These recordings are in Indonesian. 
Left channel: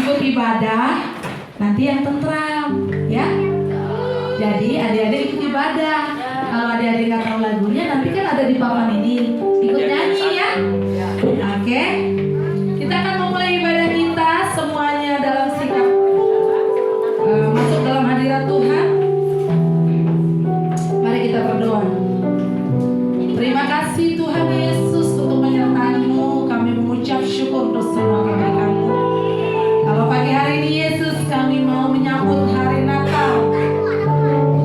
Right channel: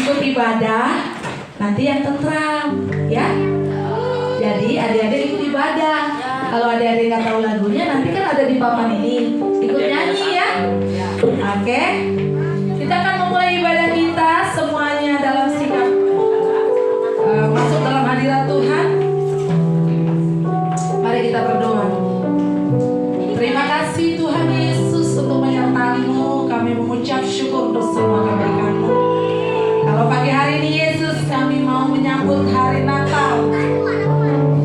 ikut ibadah nanti yang tentram, ya. Jadi adik-adik ikut ibadah. Kalau adik-adik nggak tahu lagunya, nanti kan ada di papan ini, ikut nyanyi ya. Oke, kita akan memulai ibadah kita semuanya dalam sikap masuk dalam hadirat Tuhan. Mari kita berdoa. Terima kasih Tuhan Yesus untuk menyertai-Mu. Kami mengucap syukur untuk semua kebaikan-Mu. Kalau pagi hari ini Yesus, kami mau menyambut hari Natal.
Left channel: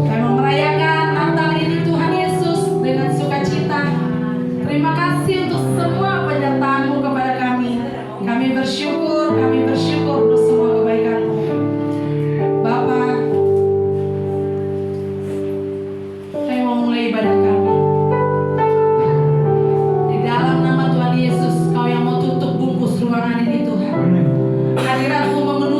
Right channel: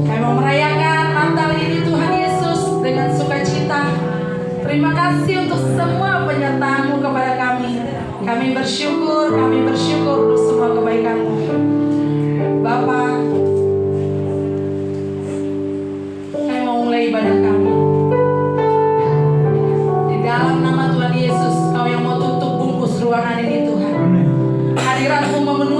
Kami mau merayakan Natal ini Tuhan Yesus dengan sukacita. Terima kasih untuk semua penyertaan-Mu kepada kami. Kami bersyukur untuk semua kebaikan-Mu. Bapa, kami mau mulai ibadah kami. Di dalam nama Tuhan Yesus, Kau yang mau tutup bungkus ruangan ini Tuhan. Hadirat-Mu memenuhi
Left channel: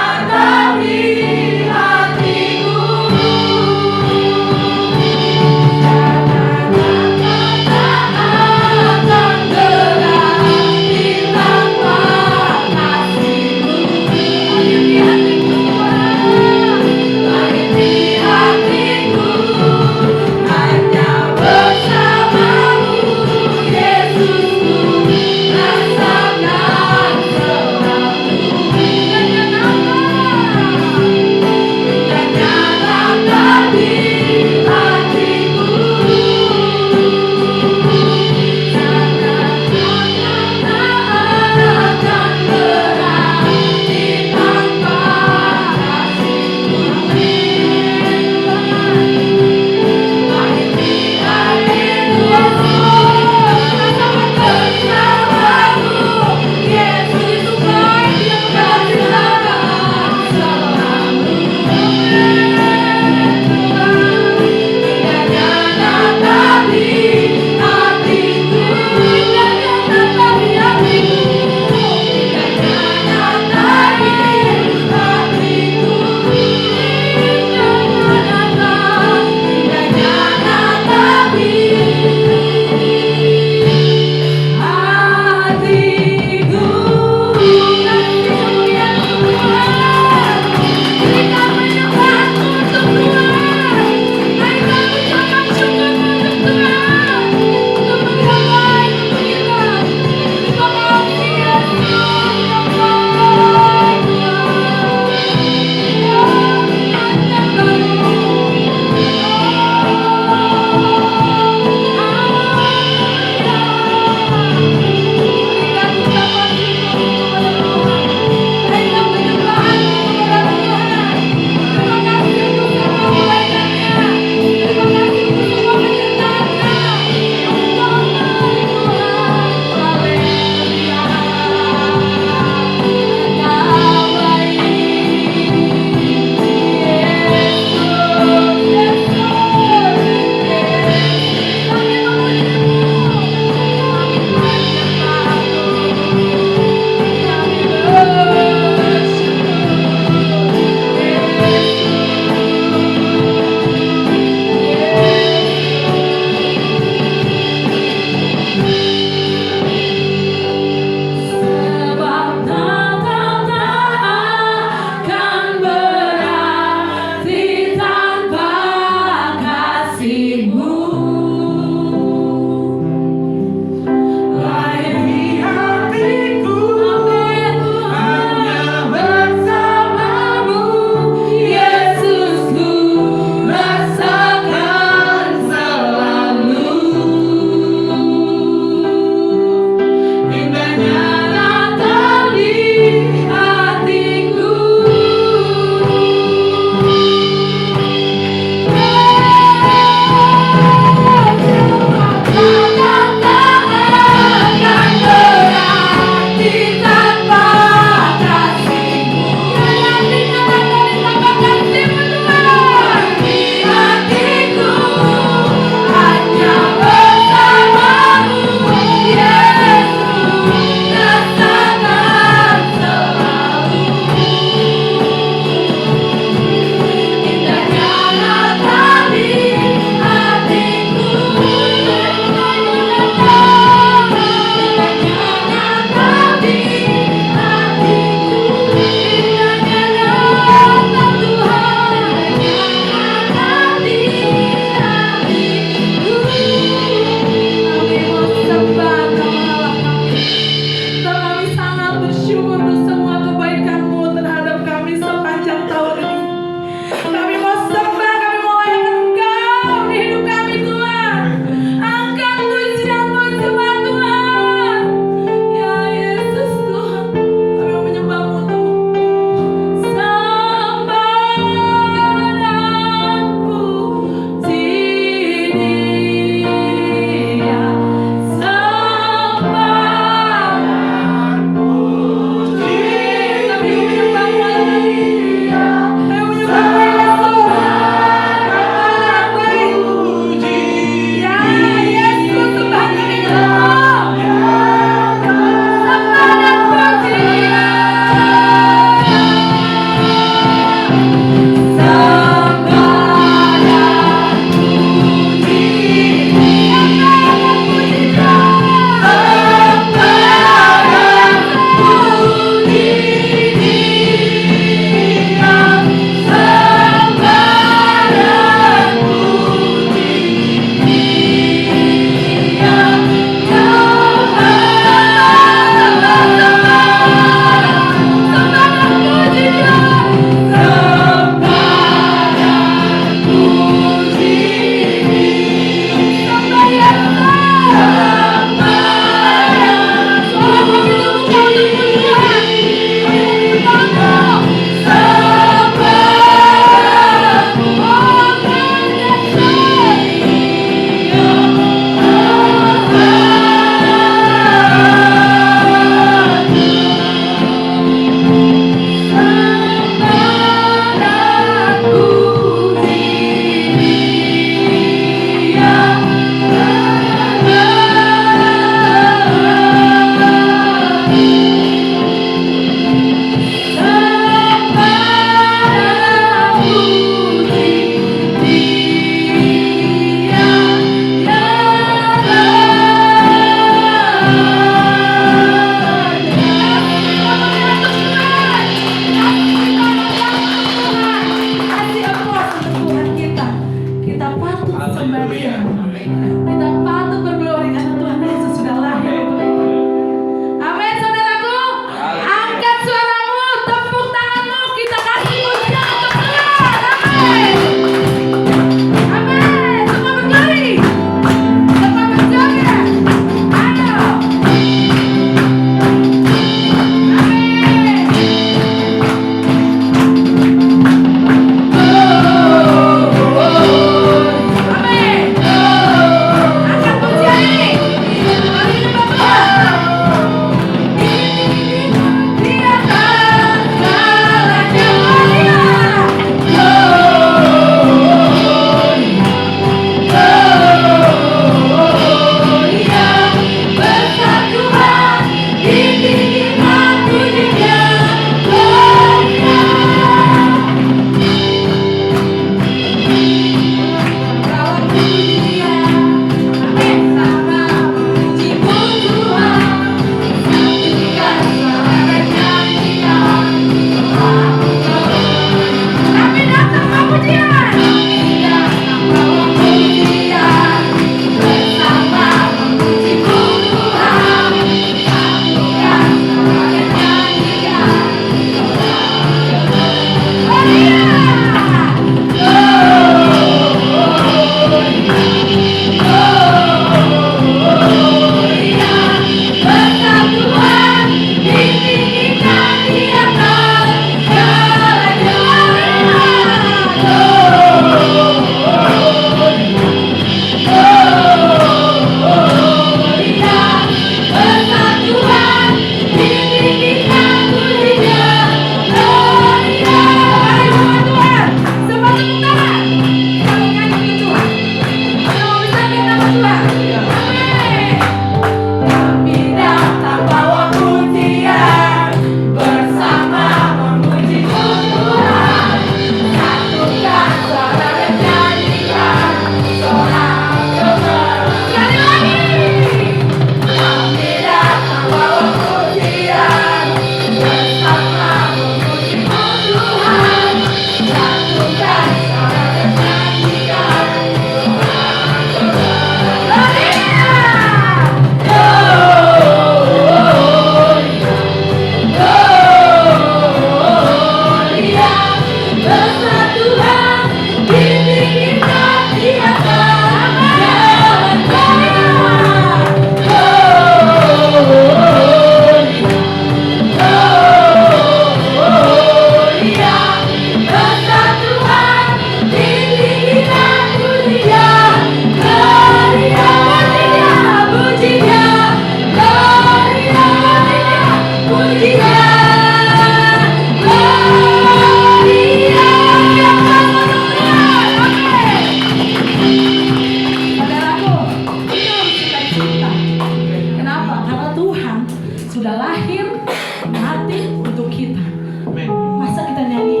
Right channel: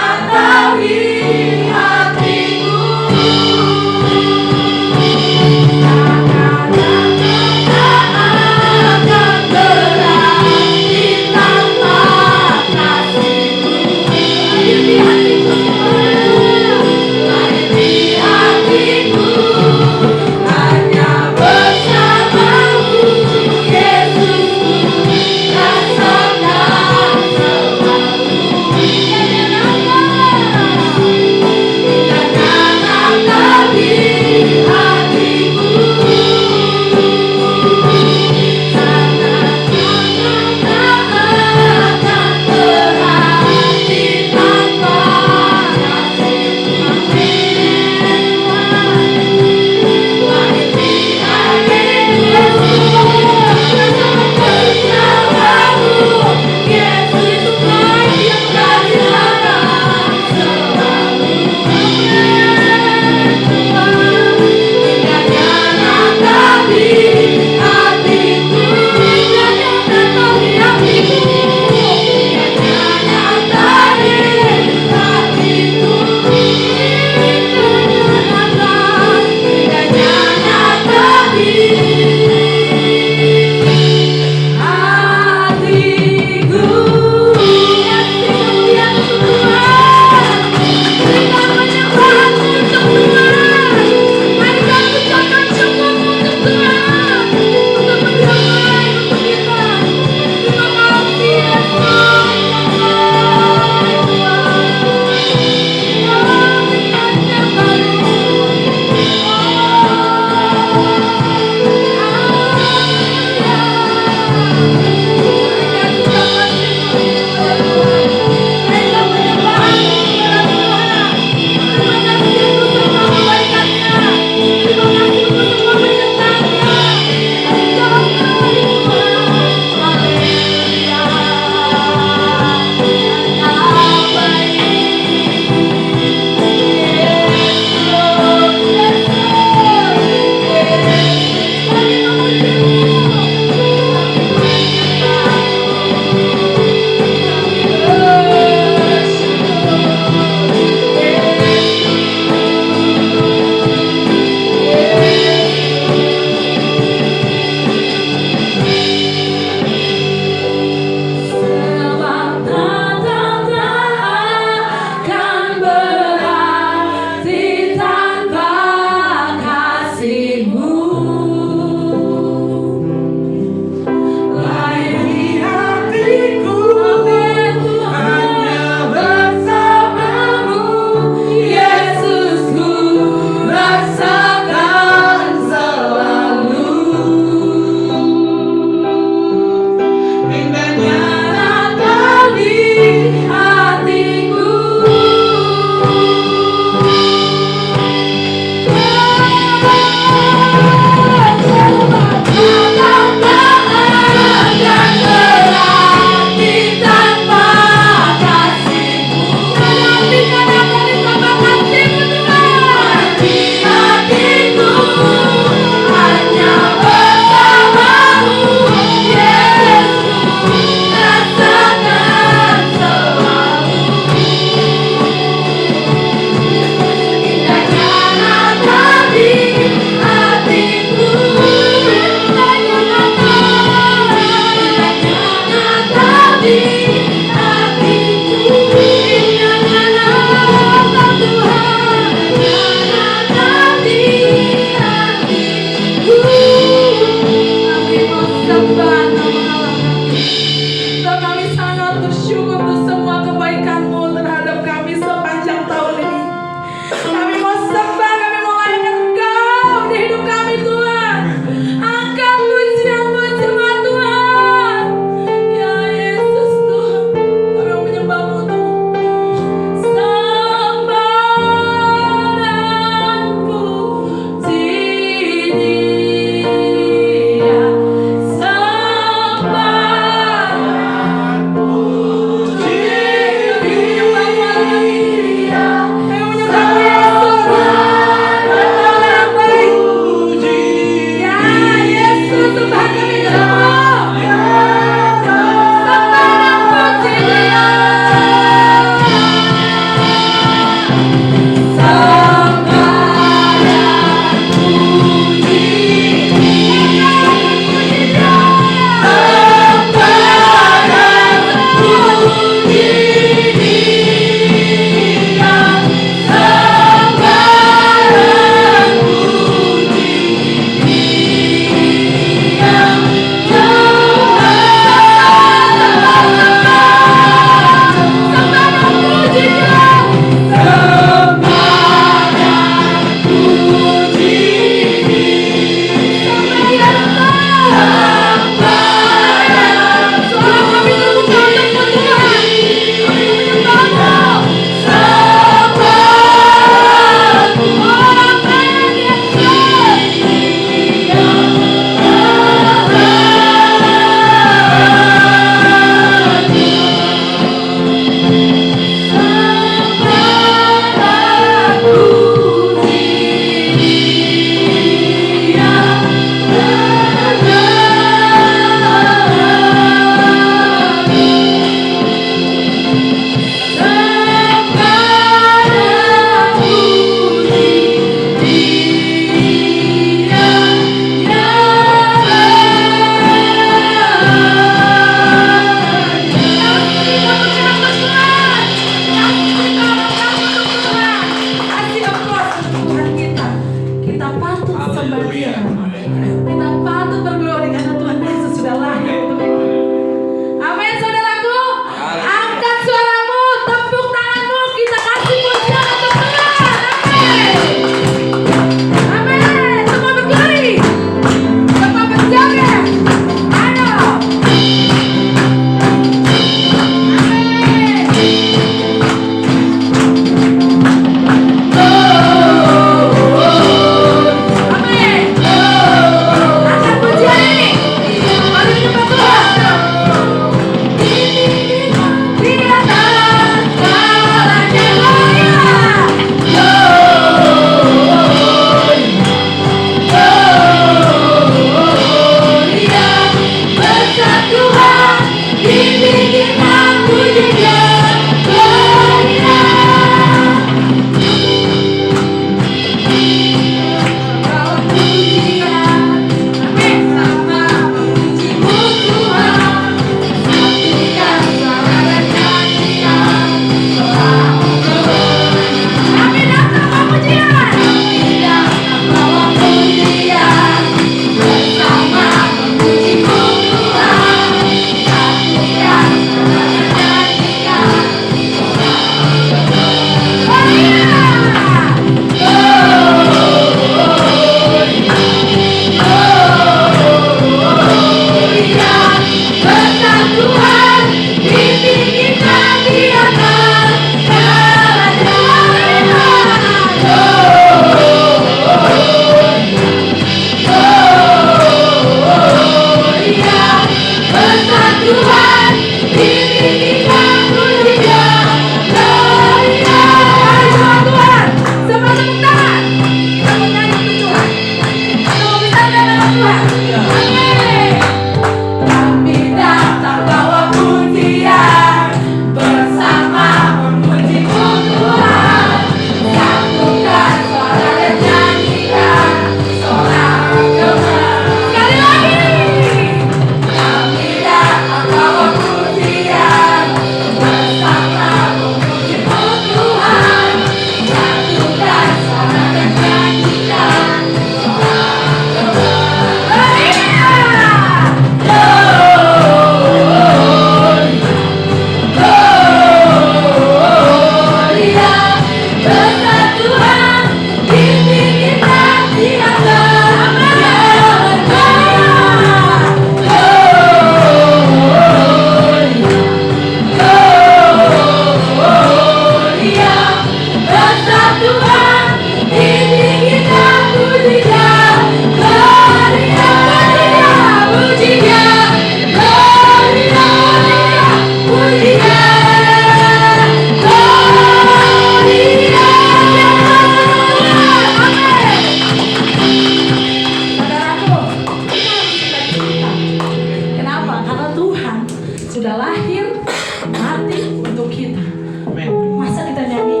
lahir mati untuk kita. Amin. Masa kita nyanyi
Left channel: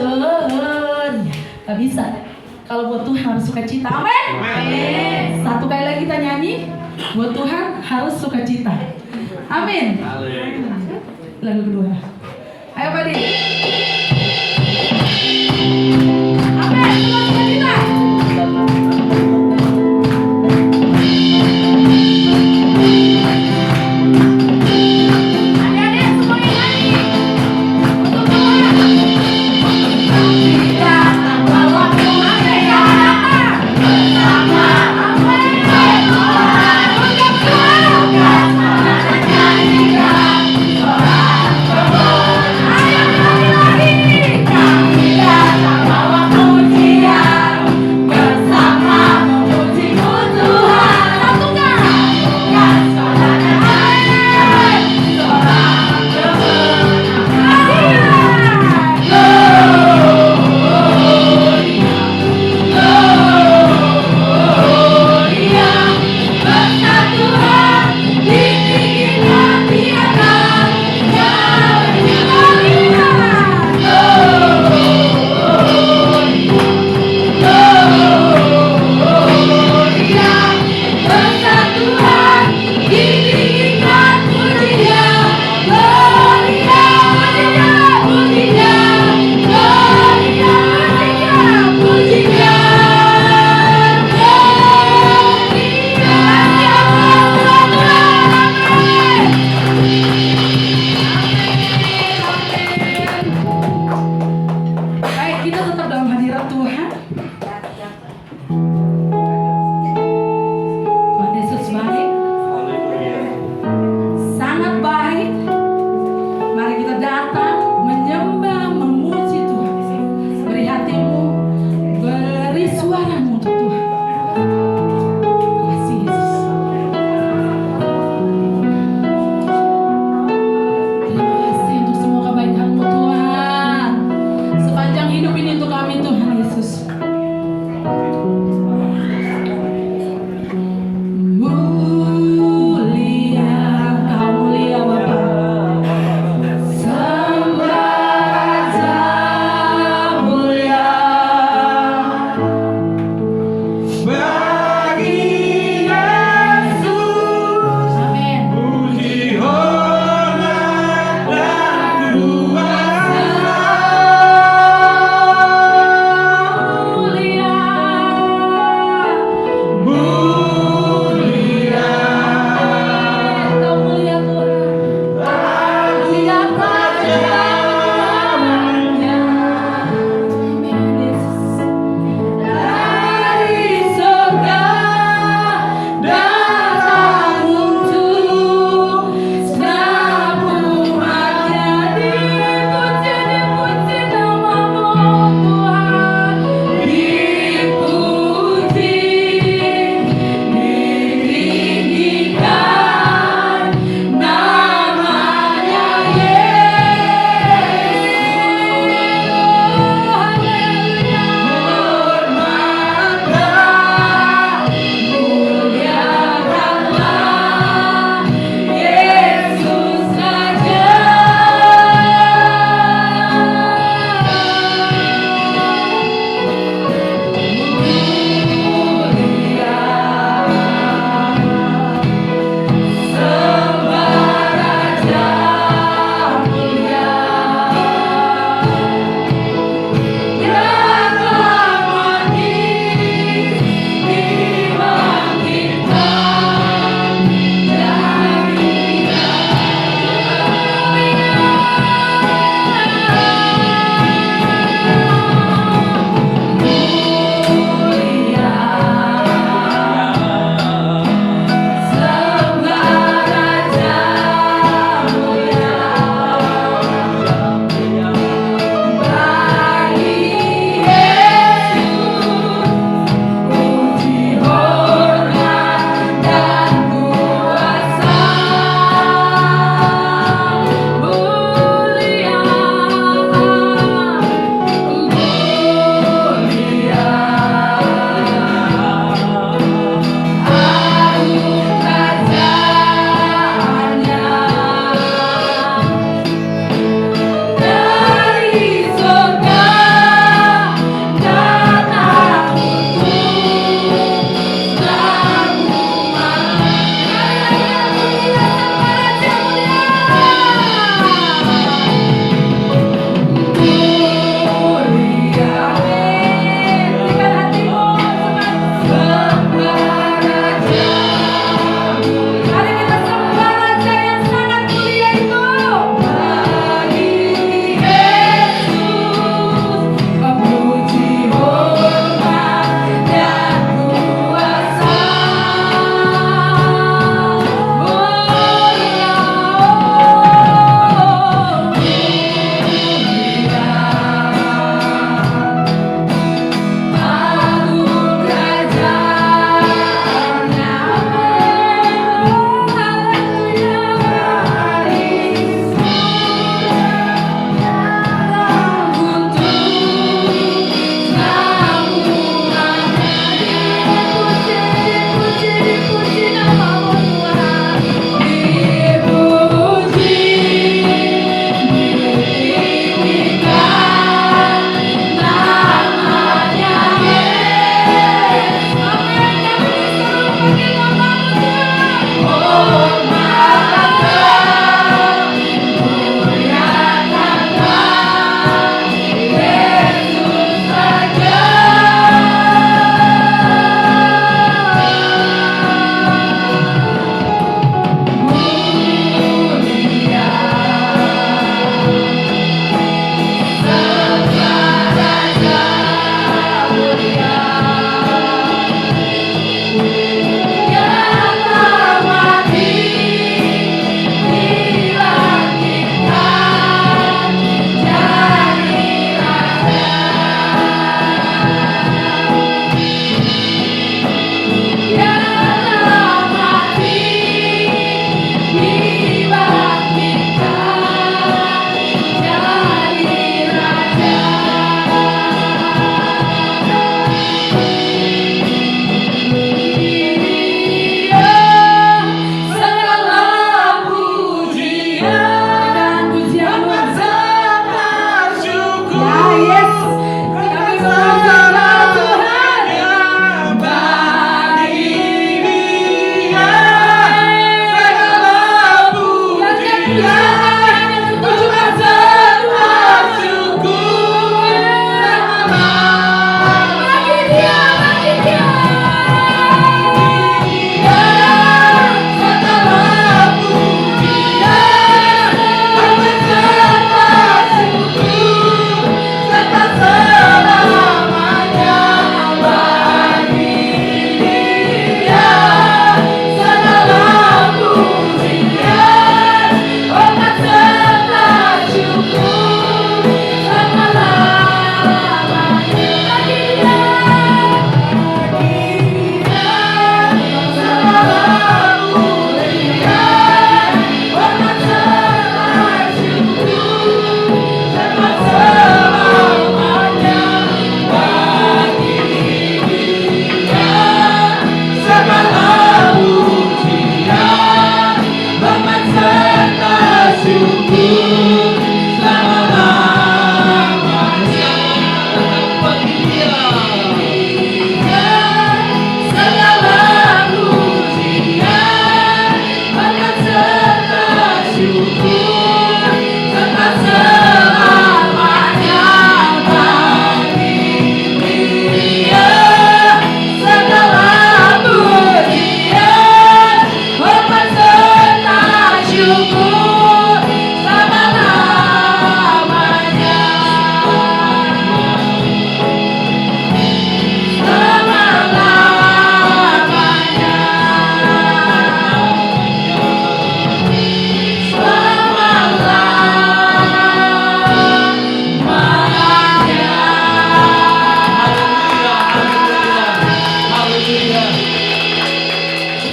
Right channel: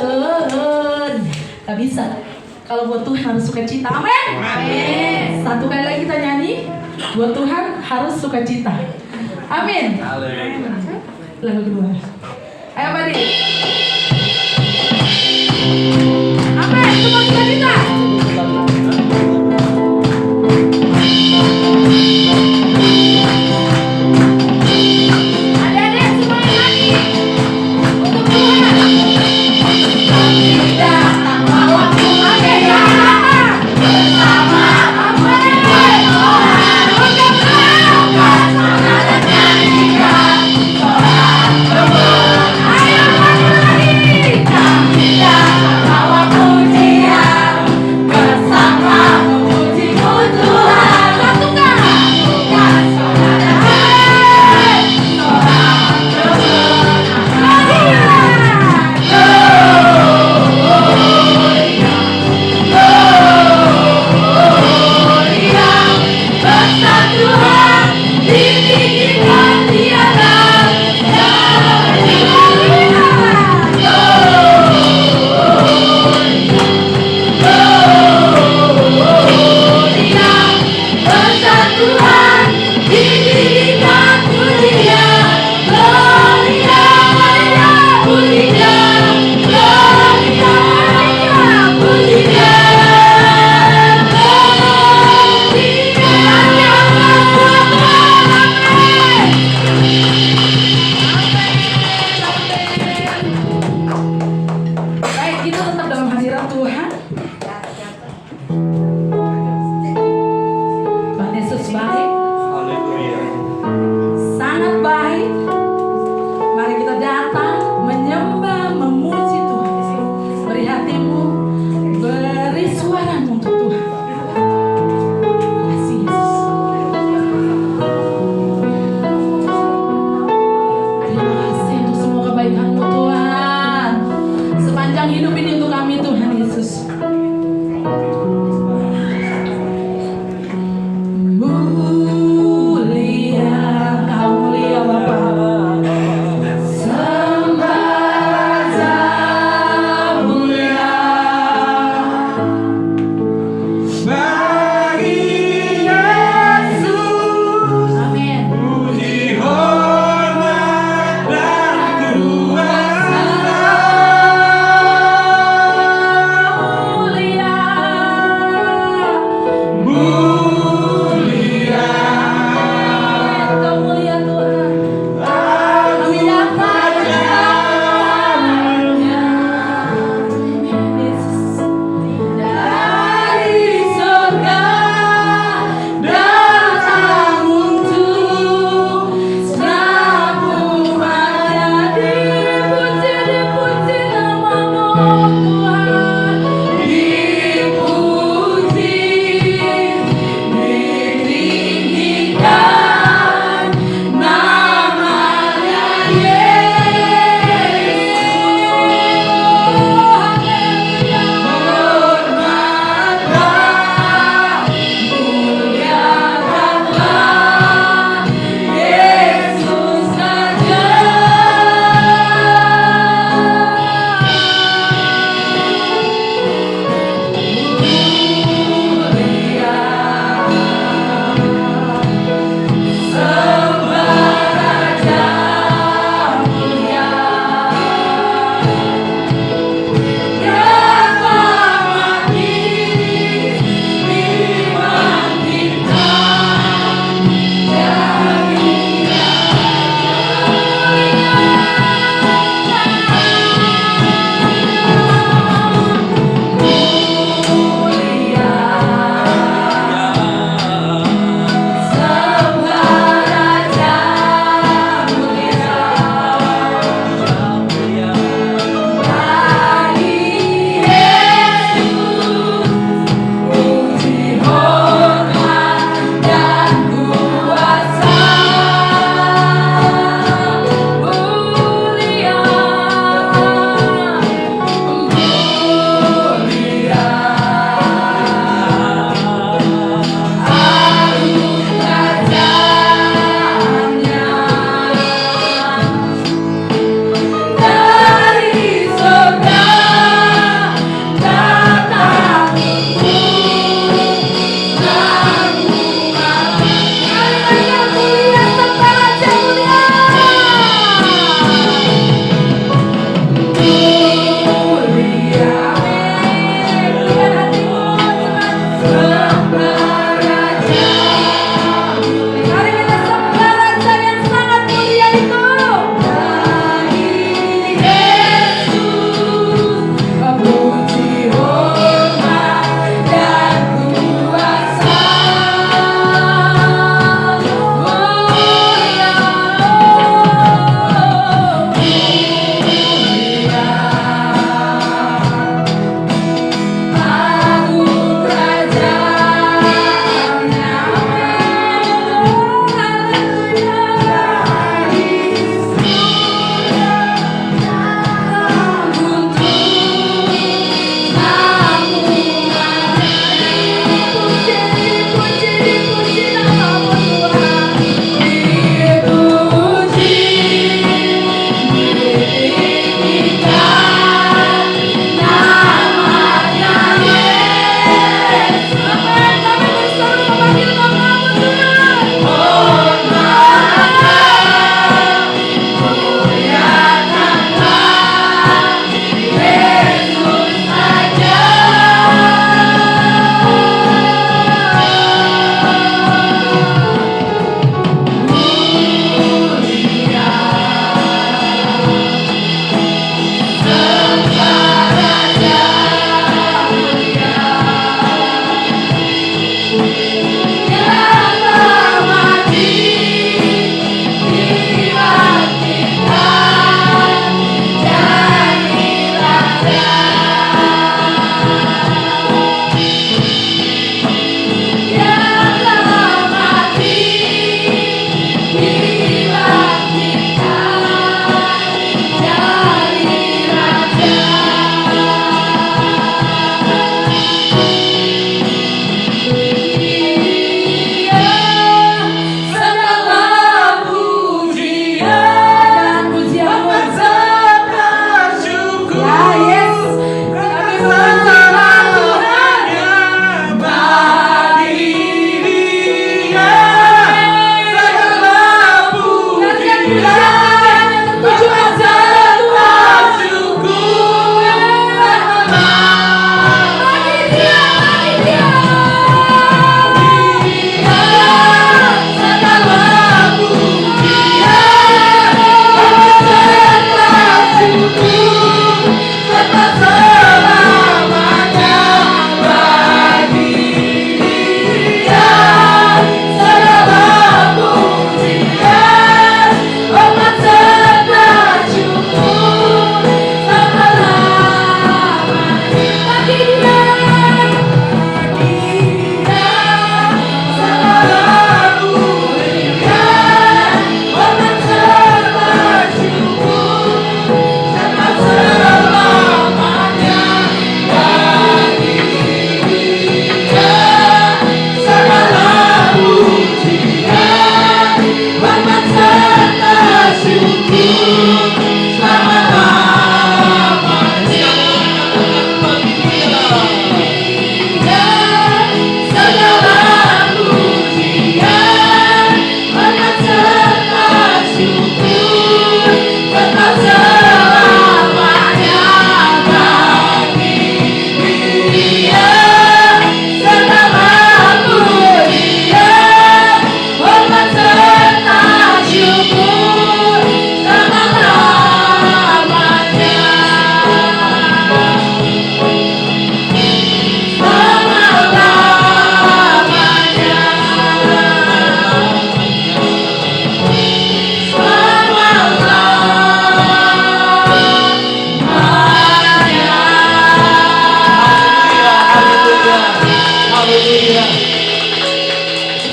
Len, gak bisa. Kalau buat Tuhan harus sukacita. Amin. Amin. Satu kali lagi kita nyanyi, buat Tuhan harus sukacita. Amin. Lagu kedua. Ayo Badi. Amin. Semua sukacita. Adik-adik semua yang nyanyi untuk Tuhan. Kami datang bawa Tuhan ke dalam bersama Amin. Tuhan untuk melakukan salah dan nyanyikan orang berbuat. Ayo lagi.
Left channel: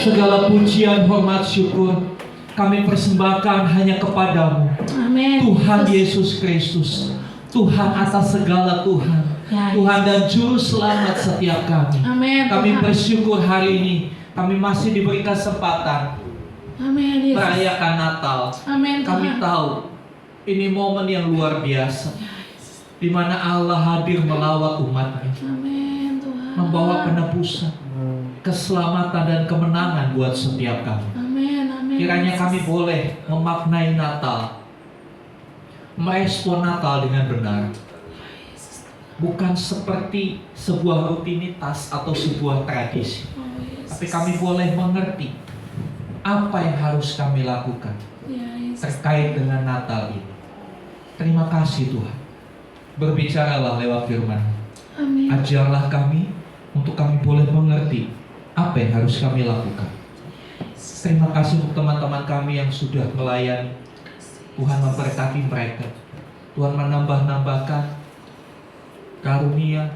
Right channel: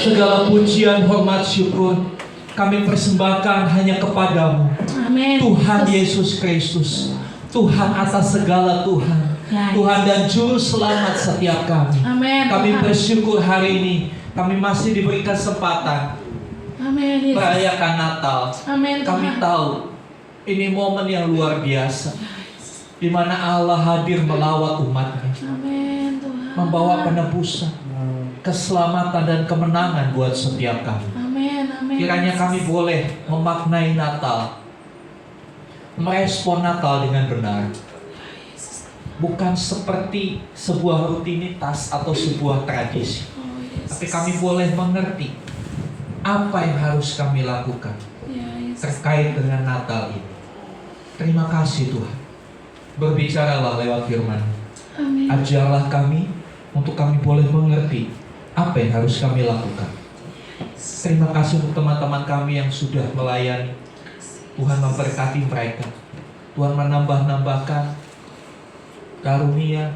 Segala pujian, hormat, syukur kami persembahkan hanya kepadamu. Amin. Tuhan Yesus Kristus, Tuhan atas segala Tuhan, Tuhan dan Juru Selamat setiap kami. Amin. Kami bersyukur hari ini kami masih diberi kesempatan Amin. merayakan Natal. Amin. Kami tahu ini momen yang luar biasa, di mana Allah hadir melawat umatnya, Amin Tuhan. membawa penebusan, keselamatan dan kemenangan buat setiap kami. Amin. Amin. Kiranya kami boleh memaknai Natal, merespon Natal dengan benar, bukan seperti sebuah rutinitas atau sebuah tradisi, tapi kami boleh mengerti apa yang harus kami lakukan terkait dengan Natal ini. Terima kasih Tuhan. Berbicaralah lewat firman. Amin. Ajarlah kami untuk kami boleh mengerti apa yang harus kami lakukan. Terima kasih untuk teman-teman kami yang sudah melayani. Tuhan memberkati mereka. Tuhan menambah-nambahkan karunia,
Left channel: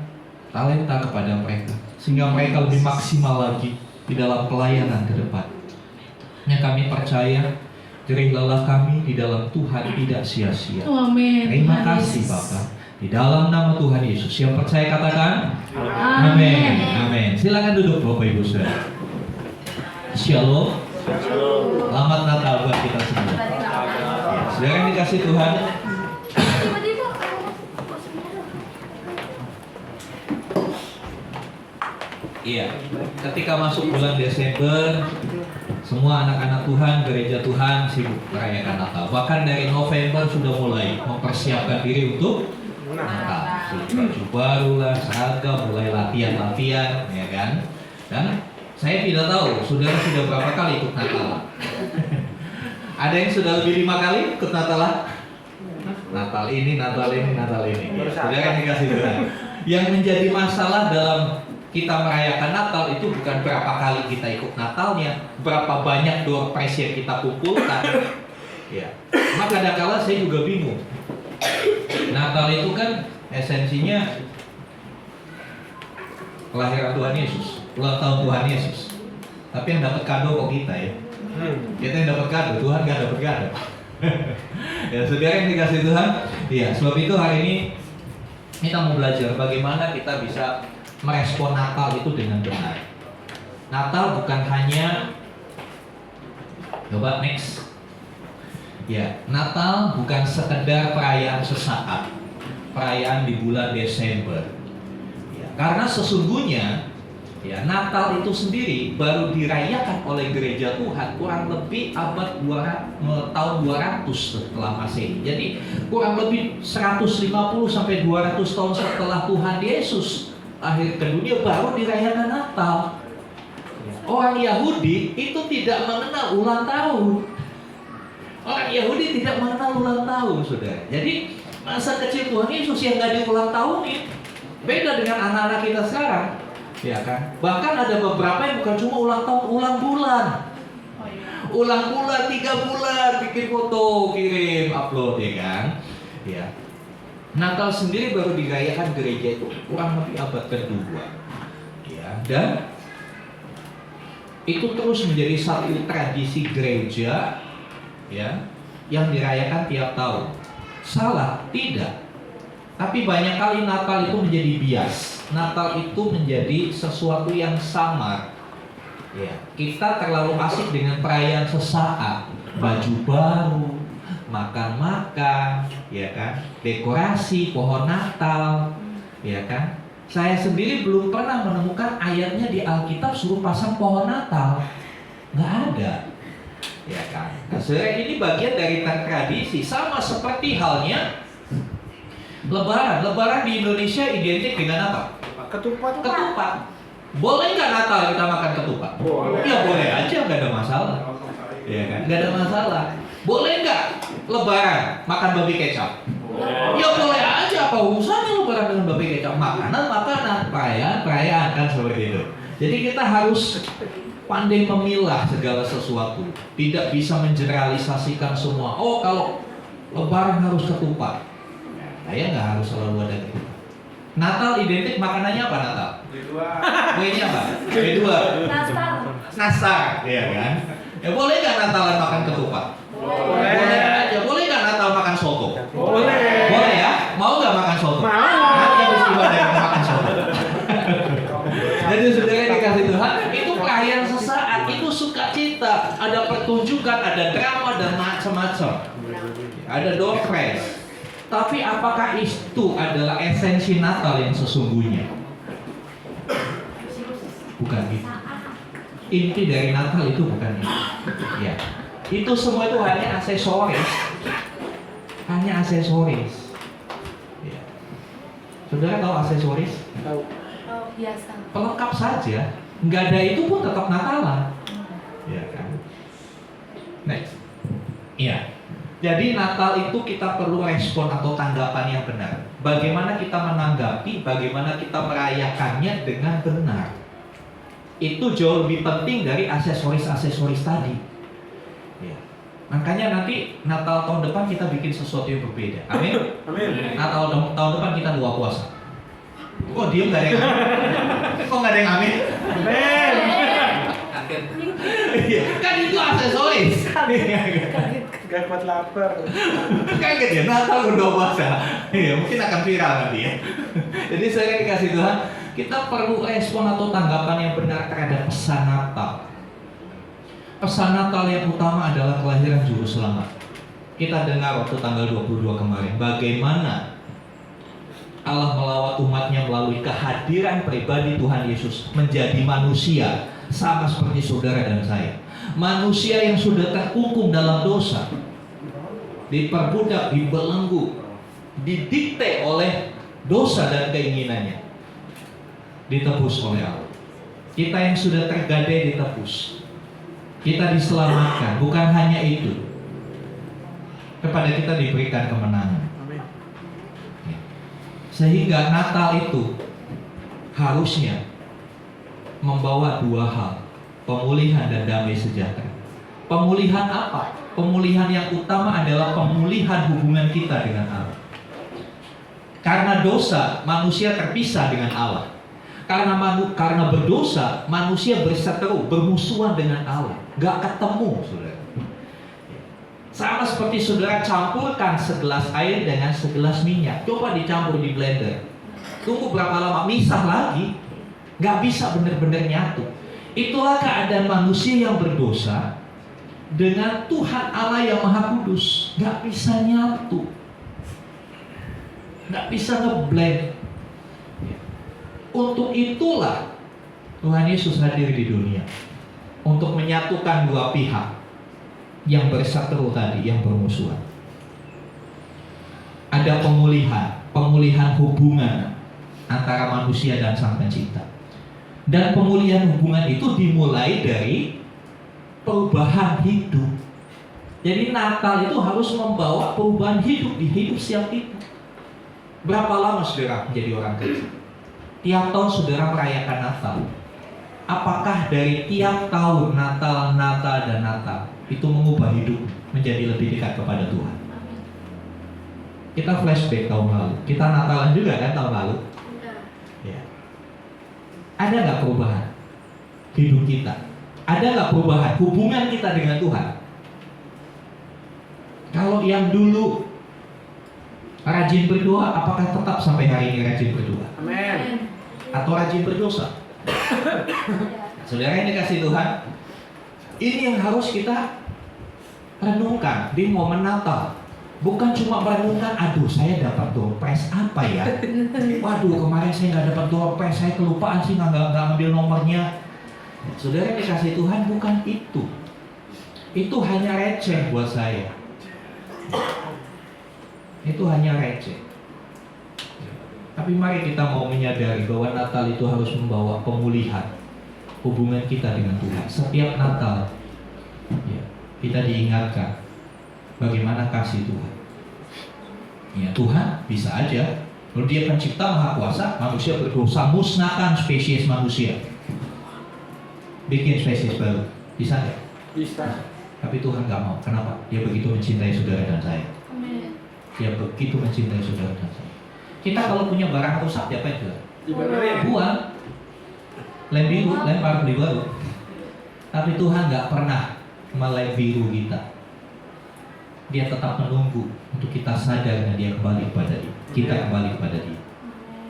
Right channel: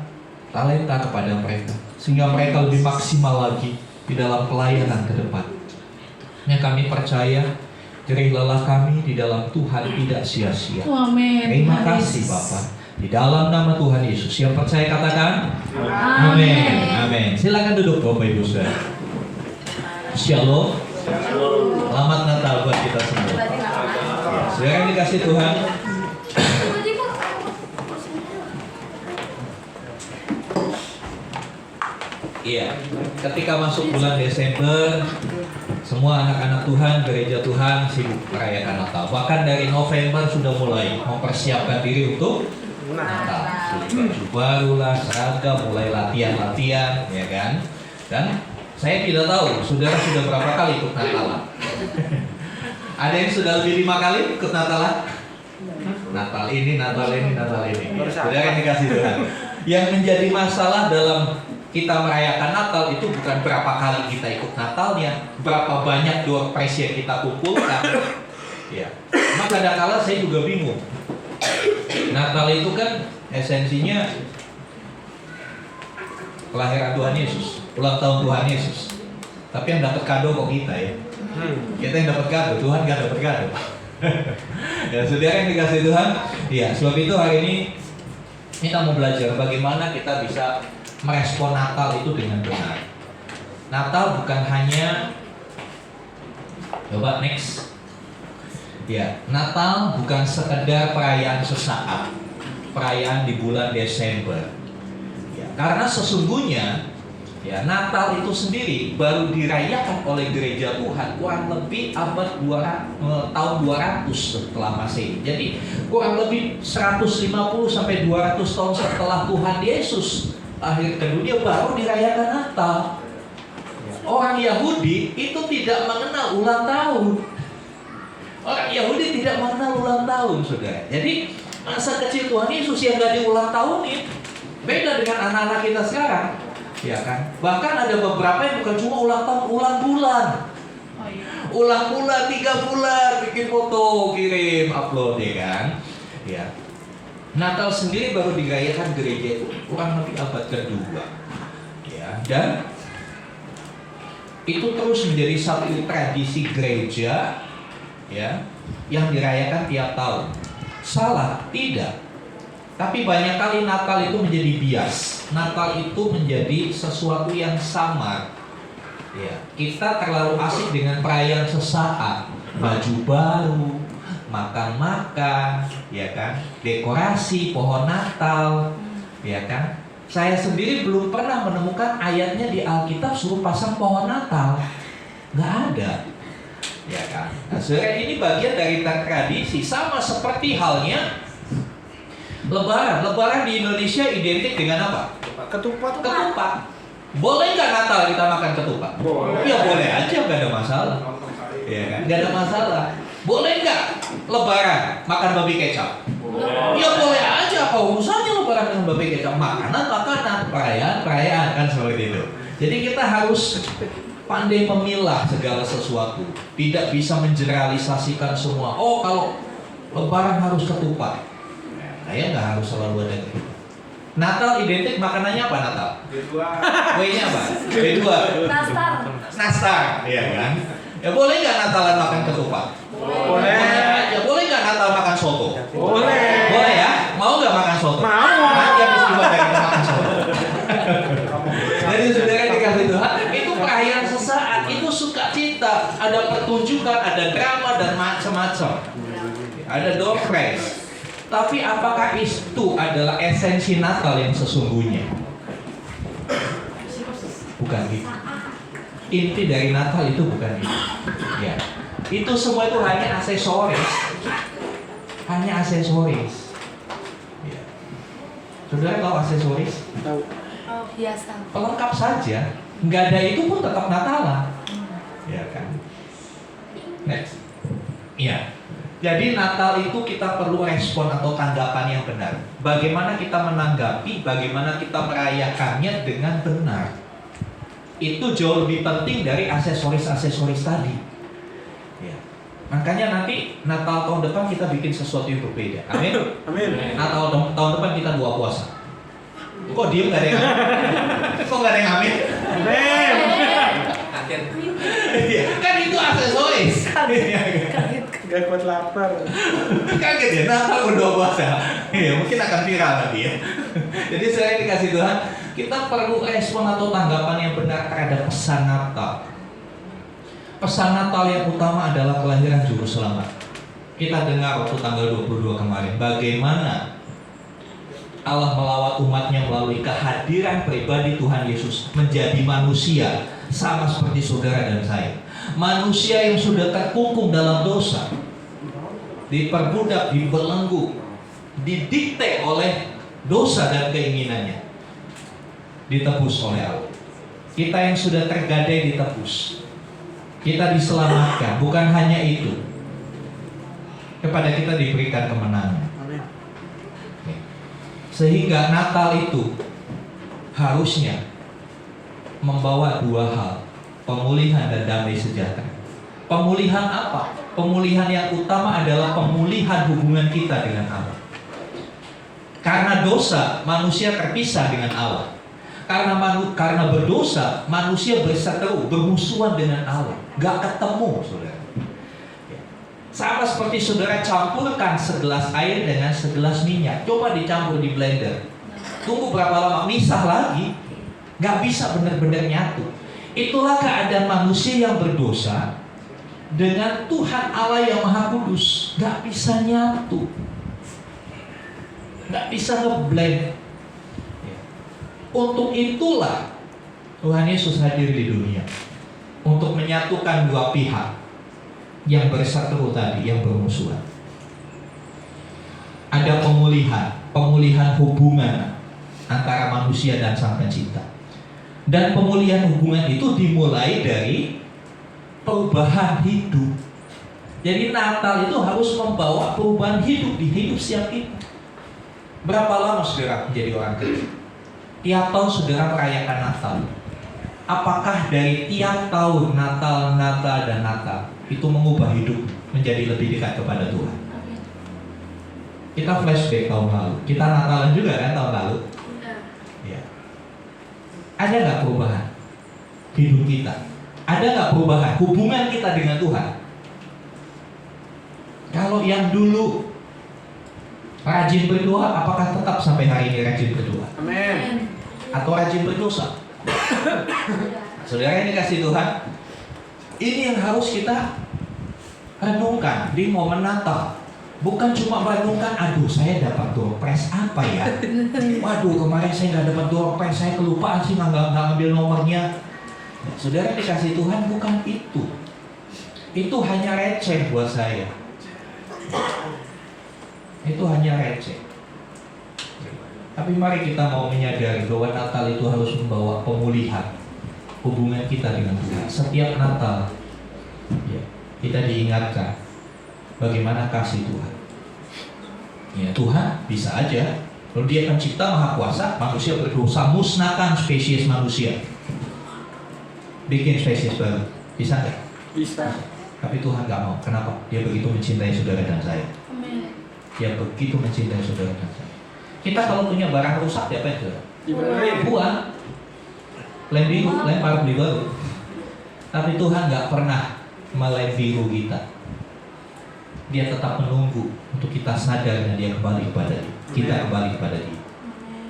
talenta kepada mereka, sehingga mereka lebih maksimal lagi di dalam pelayanan ke depan. Yang kami percaya jerih lelah kami di dalam Tuhan tidak sia-sia. Amin. Terima kasih Bapak. Di dalam nama Tuhan Yesus. Yang percaya katakan amin. Amin. Silakan duduk Bapak Ibu Saudara. Shalom. Selamat Natal buat kita semua. Saudara yang dikasih Tuhan, iya, ketika masuk bulan Desember, semua anak-anak Tuhan, gereja Tuhan sibuk merayakan Natal. Bahkan dari November sudah mulai mempersiapkan diri untuk Natal. Baju baru lah, seragam, mulai latihan-latihan, ya kan? Dan saya tidak tahu, saudara sudah berapa kali ikut Natal? Ada yang sudah lebih 5 kali ikut Natal? Natal ini, Natal ini, Natal ini. Ya, saudara yang dikasih Tuhan. Yang menjadi masalah dalam kita merayakan Natal itu bukan berapa kali kita ikut Natalnya, berapa banyak door prize yang kita kumpulkan. Ya, maka kadang-kala saya juga bingung. Natal itu kan esensinya kelahiran Tuhan Yesus, ulang tahun Tuhan Yesus. Tapi yang dapat kado kok kita ya. Kita yang dapat kado, Tuhan nggak dapat kado. Ya, saudara yang dikasih Tuhan, ya sebab itu hari ini kita mau belajar bagaimana kita bisa merespon Natal itu dengan benar. Natal bukan hanya, coba next. Ya, Natal bukan sekedar perayaan sesaat, perayaan di bulan Desember. Ya, karena sesungguhnya ya, Natal itu sendiri baru dirayakan oleh gereja Tuhan kurang lebih abad tahun 200 setelah Masehi. Jadi kurang lebih 150 sampai 200 tahun setelah Tuhan Yesus lahir ke dunia baru dirayakan Natal. Orang Yahudi itu tidak mengenal ulang tahun. Orang Yahudi tidak mengenal ulang tahun, saudara. Jadi masa kecil Tuhan Yesus yang gak diulang tahunin. Beda dengan anak-anak kita sekarang. Ya kan? Bahkan ada beberapa yang bukan cuma ulang tahun, ulang bulan. Ulang bulan 3 bulan, bikin foto, kirim, upload, ya kan? Ya. Natal sendiri baru dirayakan gereja itu kurang lebih abad kedua. Ya, dan itu terus menjadi satu tradisi gereja ya yang dirayakan tiap tahun. Salah? Tidak. Tapi banyak kali Natal itu menjadi bias. Natal itu menjadi sesuatu yang samar. Ya, kita terlalu asik dengan perayaan sesaat, baju baru, makan-makan, ya kan, dekorasi pohon Natal, ya kan. Saya sendiri belum pernah menemukan ayatnya di Alkitab suruh pasang pohon Natal, nggak ada, ya kan. Nah, sebenarnya ini bagian dari tradisi, sama seperti halnya Lebaran. Lebaran di Indonesia identik dengan apa? Ketupat. Ketupat. Boleh nggak Natal kita makan ketupat? Boleh. Ya boleh aja, nggak ada masalah. Ya kan? Nggak ada masalah. Boleh nggak Lebaran makan babi kecap? Ya boleh aja. Apa urusannya Lebaran dengan babi kecap? Makanan, perayaan kan seperti itu. Jadi kita harus pandai memilah segala sesuatu. Tidak bisa mengeneralisasikan semua. Oh kalau Lebaran harus ketupat. Saya nggak harus selalu ada gitu. Natal identik makanannya apa Natal? Kuenya apa? B2. Nastar, iya kan? Ya boleh nggak Natalan makan ketupat? Boleh aja. Boleh nggak Natal makan soto? Boleh. Boleh ya? Mau nggak makan soto? Mau. Nanti habis ibadah mau makan soto. Jadi saudara dikasih Tuhan, itu perayaan sesaat, itu sukacita, ada pertunjukan, ada drama dan macam-macam. Ada door prize. Tapi apakah itu adalah esensi Natal yang sesungguhnya? Bukan itu. Inti dari Natal itu bukan itu. Ya. Itu semua itu hanya aksesoris. Hanya aksesoris. Ya. Saudara tahu aksesoris? Tahu. Biasa. Pelengkap saja. Nggak ada itu pun tetap Natalan. Ya kan? Next. Iya. Jadi Natal itu kita perlu respon atau tanggapan yang benar. Bagaimana kita menanggapi, bagaimana kita merayakannya dengan benar. Itu jauh lebih penting dari aksesoris-aksesoris tadi. Ya. Makanya nanti Natal tahun depan kita bikin sesuatu yang berbeda. Amin. Amin. Natal tahun depan kita 2 puasa. Kok diem nggak ada yang amin? Kok nggak ada yang amin? Amin. Iya, kan itu aksesoris. Gak kuat lapar. Kaget ya, Natal udah puasa. Iya, mungkin akan viral nanti ya. Jadi saya dikasih Tuhan, kita perlu respon atau tanggapan yang benar terhadap pesan Natal. Pesan Natal yang utama adalah kelahiran Juru Selamat. Kita dengar waktu tanggal 22 kemarin, bagaimana Allah melawat umatnya melalui kehadiran pribadi Tuhan Yesus menjadi manusia, sama seperti saudara dan saya. Manusia yang sudah terkungkung dalam dosa, diperbudak, dibelenggu, didikte oleh dosa dan keinginannya, ditebus oleh Allah. Kita yang sudah tergadai ditebus, kita diselamatkan. Bukan hanya itu, kepada kita diberikan kemenangan. Sehingga Natal itu harusnya membawa 2 hal, pemulihan dan damai sejahtera. Pemulihan apa? Pemulihan yang utama adalah pemulihan hubungan kita dengan Allah. Karena dosa, manusia terpisah dengan Allah. Karena berdosa, manusia berseteru, bermusuhan dengan Allah, gak ketemu, saudara. Sama seperti saudara campurkan segelas air dengan segelas minyak, coba dicampur di blender, tunggu berapa lama, misah lagi, gak bisa benar-benar nyatu. Itulah keadaan manusia yang berdosa dengan Tuhan Allah yang Maha Kudus, gak bisa nyatu, gak bisa ngeblend. Untuk itulah Tuhan Yesus hadir di dunia, untuk menyatukan dua pihak yang berseteru tadi, yang bermusuhan. Ada pemulihan hubungan antara manusia dan Sang Pencipta. Dan pemulihan hubungan itu dimulai dari perubahan hidup. Jadi Natal itu harus membawa perubahan hidup di hidup setiap kita. Berapa lama saudara menjadi orang Kristen? Tiap tahun saudara merayakan Natal. Apakah dari tiap tahun Natal dan Natal itu mengubah hidup menjadi lebih dekat kepada Tuhan? Kita flashback tahun lalu, kita Natalan juga kan tahun lalu. Ya. Ada nggak perubahan hidup kita? Ada nggak perubahan hubungan kita dengan Tuhan? Kalau yang dulu rajin berdoa, apakah tetap sampai hari ini rajin berdoa? Amin. Atau rajin berdosa? Saudara ini kasih Tuhan, ini yang harus kita renungkan di momen Natal. Bukan cuma merenungkan, aduh saya dapat door prize apa ya? Waduh kemarin saya nggak dapat door prize, saya kelupaan sih nggak ambil nomornya. Saudara dikasih Tuhan, bukan itu. Itu hanya receh buat saya. Itu hanya receh. Tapi mari kita mau menyadari bahwa Natal itu harus membawa pemulihan hubungan kita dengan Tuhan. Setiap Natal ya, kita diingatkan bagaimana kasih Tuhan. Ya, Tuhan bisa aja, kalau Dia Pencipta Maha Kuasa, manusia berdosa, musnahkan spesies manusia, bikin spesies baru, bisa nggak? Bisa. Tapi Tuhan nggak mau. Kenapa? Dia begitu mencintai saudara dan saya. Dia begitu mencintai saudara dan saya. Kita kalau punya barang rusak, diapain saudara? Dibenerin. Buang, lem biru, lempar beli baru. Tapi Tuhan nggak pernah melem biru kita. Dia tetap menunggu untuk kita sadar dan Dia kembali kepada Dia. Kita kembali kepada Dia.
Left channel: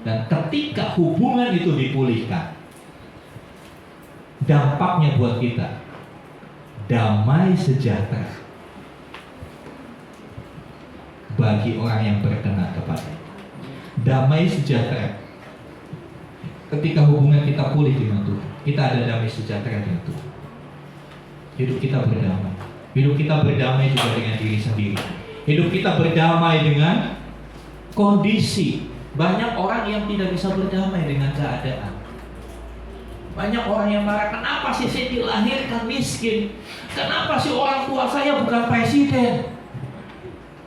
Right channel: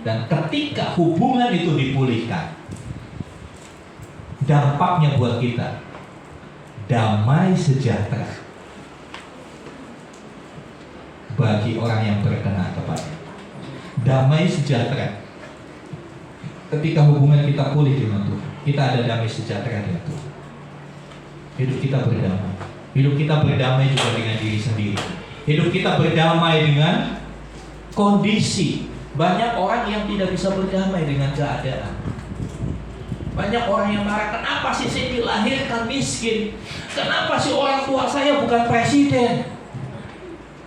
Dan ketika hubungan itu dipulihkan, dampaknya buat kita damai sejahtera bagi orang yang berkenan kepada. Damai sejahtera. Ketika hubungan kita pulih dengan Tuhan, kita ada damai sejahtera dengan Tuhan. Hidup kita berdamai. Hidup kita berdamai juga dengan diri sendiri. Hidup kita berdamai dengan kondisi. Banyak orang yang tidak bisa berdamai dengan keadaan. Banyak orang yang marah, kenapa sih saya dilahirkan miskin? Kenapa sih orang tua saya bukan presiden?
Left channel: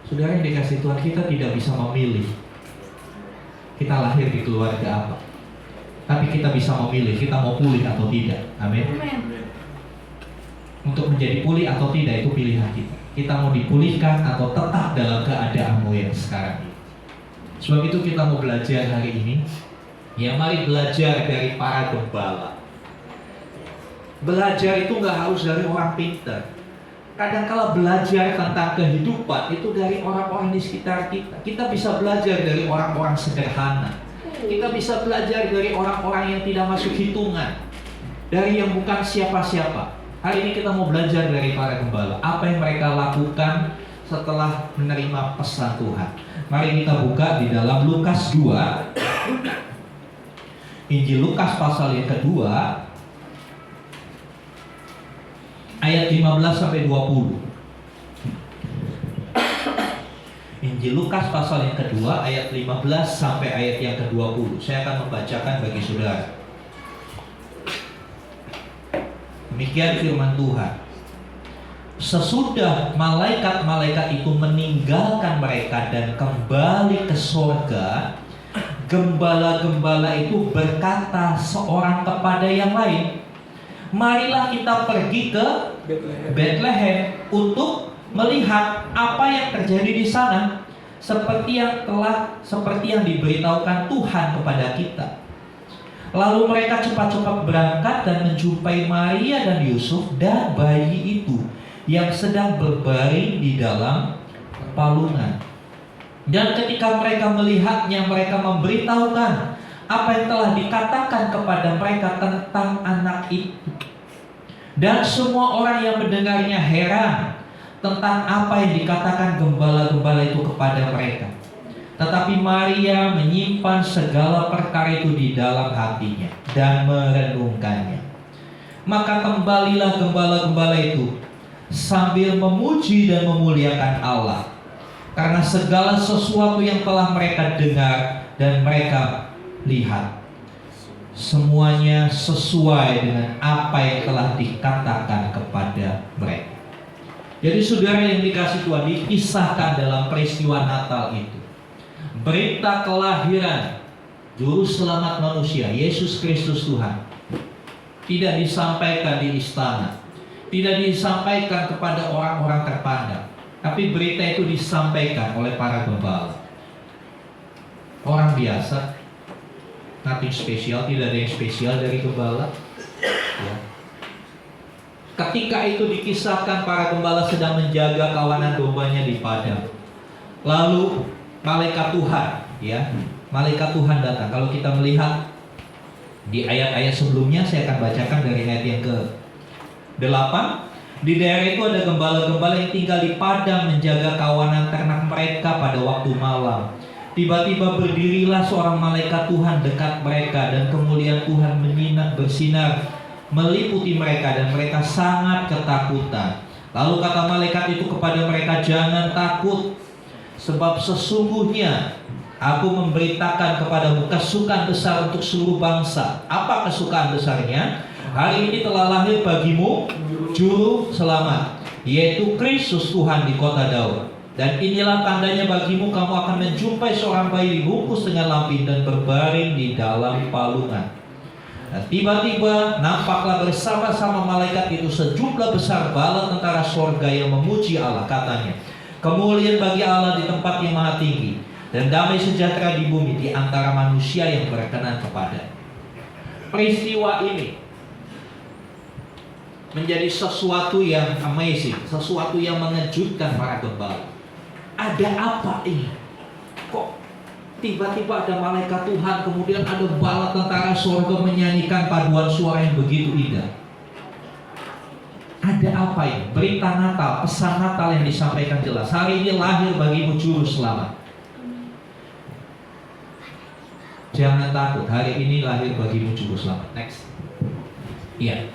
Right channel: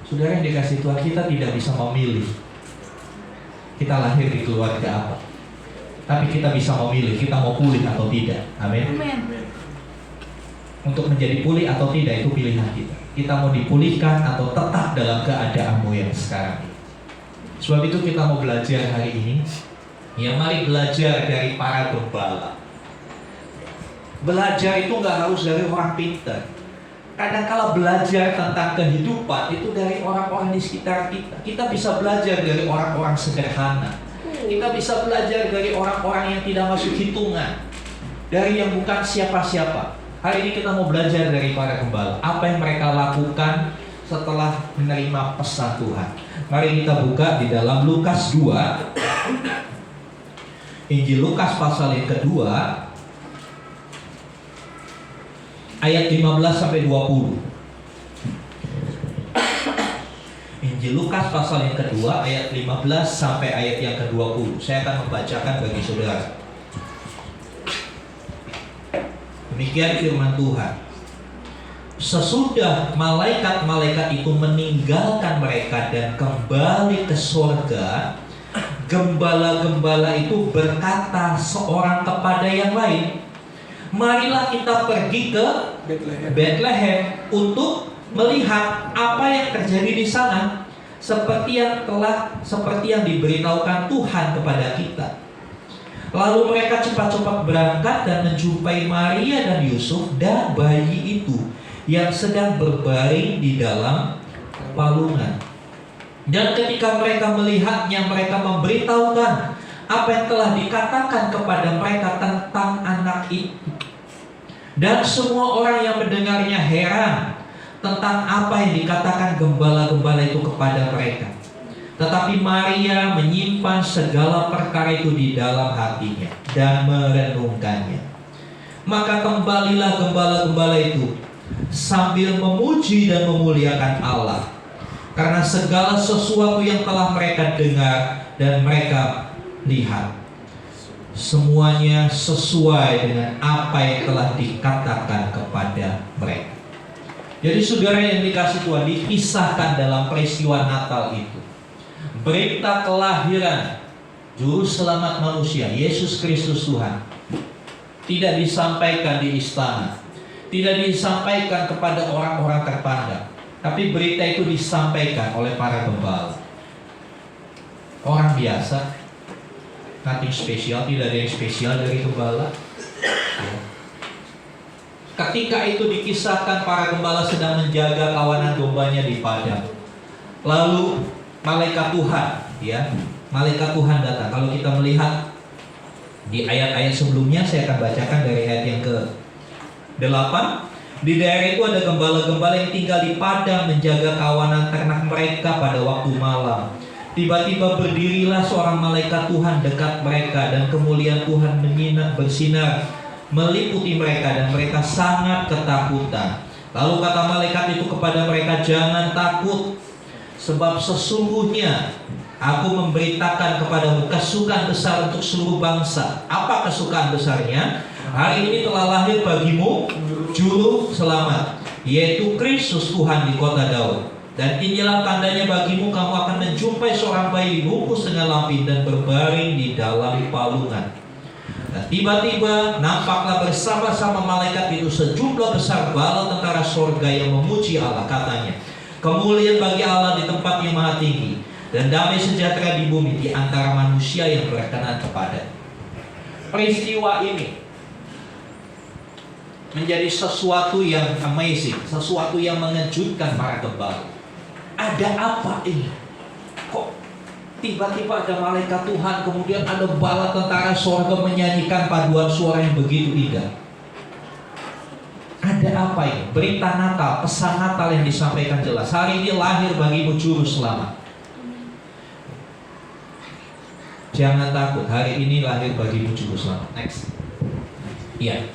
Saudara yang dikasih Tuhan, kita tidak bisa memilih kita lahir di keluarga apa. Tapi kita bisa memilih kita mau pulih atau tidak. Amin. Untuk menjadi pulih atau tidak itu pilihan kita. Kita mau dipulihkan atau tetap dalam keadaanmu yang sekarang ini. Sebab itu kita mau belajar hari ini. Ya, mari belajar dari para gembala. Belajar itu nggak harus dari orang pintar. Kadang-kala belajar tentang kehidupan itu dari orang-orang di sekitar kita. Kita bisa belajar dari orang-orang sederhana. Kita bisa belajar dari orang-orang yang tidak masuk hitungan, dari yang bukan siapa-siapa. Hari ini kita mau belajar dari para gembala. Apa yang mereka lakukan setelah menerima pesan Tuhan. Mari kita buka di dalam Lukas 2. Injil Lukas pasal yang kedua, ayat 15-20. Injil Lukas pasal yang kedua, ayat 15 sampai ayat yang ke-20. Saya akan membacakan bagi saudara. Demikian firman Tuhan. Sesudah malaikat-malaikat itu meninggalkan mereka dan kembali ke surga, gembala-gembala itu berkata seorang kepada yang lain, marilah kita pergi ke Bethlehem untuk melihat apa yang terjadi di sana, seperti yang diberitahukan Tuhan kepada kita. Lalu mereka cepat-cepat berangkat dan menjumpai Maria dan Yusuf dan bayi itu yang sedang berbaring di dalam palungan. Dan ketika mereka melihatnya, mereka memberitahukan apa yang telah dikatakan kepada mereka tentang anak itu. Dan semua orang yang mendengarnya heran tentang apa yang dikatakan gembala-gembala itu kepada mereka. Tetapi Maria menyimpan segala perkara itu di dalam hatinya dan merenungkannya. Maka kembalilah gembala-gembala itu sambil memuji dan memuliakan Allah, karena segala sesuatu yang telah mereka dengar dan mereka lihat, semuanya sesuai dengan apa yang telah dikatakan kepada mereka. Jadi saudara yang dikasih Tuhan, dikisahkan dalam peristiwa Natal itu berita kelahiran Juru Selamat manusia, Yesus Kristus Tuhan, tidak disampaikan di istana, tidak disampaikan kepada orang-orang terpandang, tapi berita itu disampaikan oleh para gembala. Orang biasa, nothing spesial, tidak ada yang spesial dari gembala. Ya. Ketika itu dikisahkan, para gembala sedang menjaga kawanan dombanya di padang. Lalu malaikat Tuhan, ya, malaikat Tuhan datang. Kalau kita melihat di ayat-ayat sebelumnya, saya akan bacakan dari ayat yang ke-8. Di daerah itu ada gembala-gembala yang tinggal di padang menjaga kawanan ternak mereka pada waktu malam. Tiba-tiba berdirilah seorang malaikat Tuhan dekat mereka, dan kemuliaan Tuhan bersinar meliputi mereka, dan mereka sangat ketakutan. Lalu kata malaikat itu kepada mereka, "Jangan takut, sebab sesungguhnya aku memberitakan kepadamu kesukaan besar untuk seluruh bangsa." Apa kesukaan besarnya? Hari ini telah lahir bagimu Juru Selamat, yaitu Kristus Tuhan di kota Daud. Dan inilah tandanya bagimu, kamu akan menjumpai seorang bayi dibungkus dengan lampin dan berbaring di dalam palungan. Dan tiba-tiba nampaklah bersama-sama malaikat itu sejumlah besar bala tentara sorga yang memuji Allah. Katanya, "Kemuliaan bagi Allah di tempat yang maha tinggi, dan damai sejahtera di bumi di antara manusia yang berkenan kepada." Peristiwa ini menjadi sesuatu yang amazing, sesuatu yang mengejutkan para gembala. Ada apa ini? Kok tiba-tiba ada malaikat Tuhan, kemudian ada bala tentara surga menyanyikan paduan suara yang begitu indah? Ada apa ini? Berita Natal, pesan Natal yang disampaikan jelas. Hari ini lahir bagimu Juru Selamat. Jangan takut, hari ini lahir bagimu Juru Selamat. Next. Iya.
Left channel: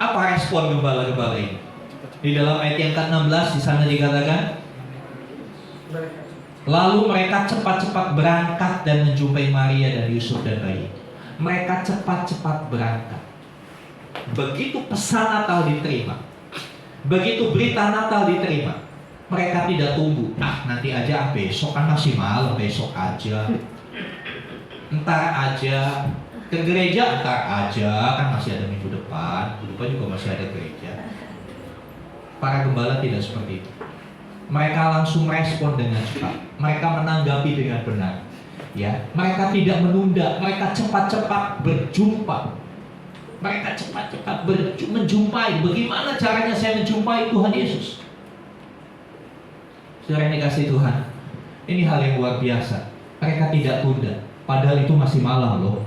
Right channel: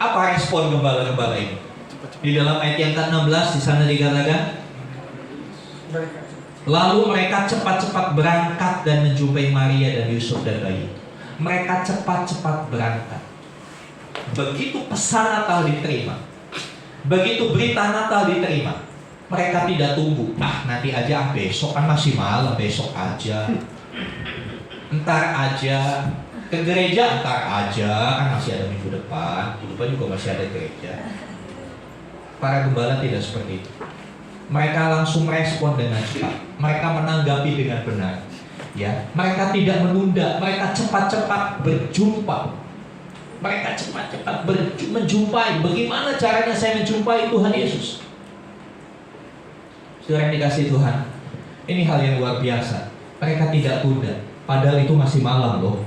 Apa respon gembala-gembala ini? Di dalam ayat yang ke-16 di sana dikatakan, lalu mereka cepat-cepat berangkat dan menjumpai Maria dan Yusuf dan bayi. Mereka cepat-cepat berangkat. Begitu pesan Natal diterima, begitu berita Natal diterima, mereka tidak tunggu. Nanti aja, besok kan masih malam, besok aja, entar aja. Ke gereja entar aja, kan masih ada minggu depan juga masih ada gereja. Para gembala tidak seperti itu. Mereka langsung respon dengan cepat. Mereka menanggapi dengan benar. Ya, mereka tidak menunda. Mereka cepat-cepat berjumpa. Mereka cepat-cepat menjumpai. Bagaimana caranya saya menjumpai Tuhan Yesus? Saudara yang dikasihi Tuhan, ini hal yang luar biasa. Mereka tidak tunda. Padahal itu masih malam loh.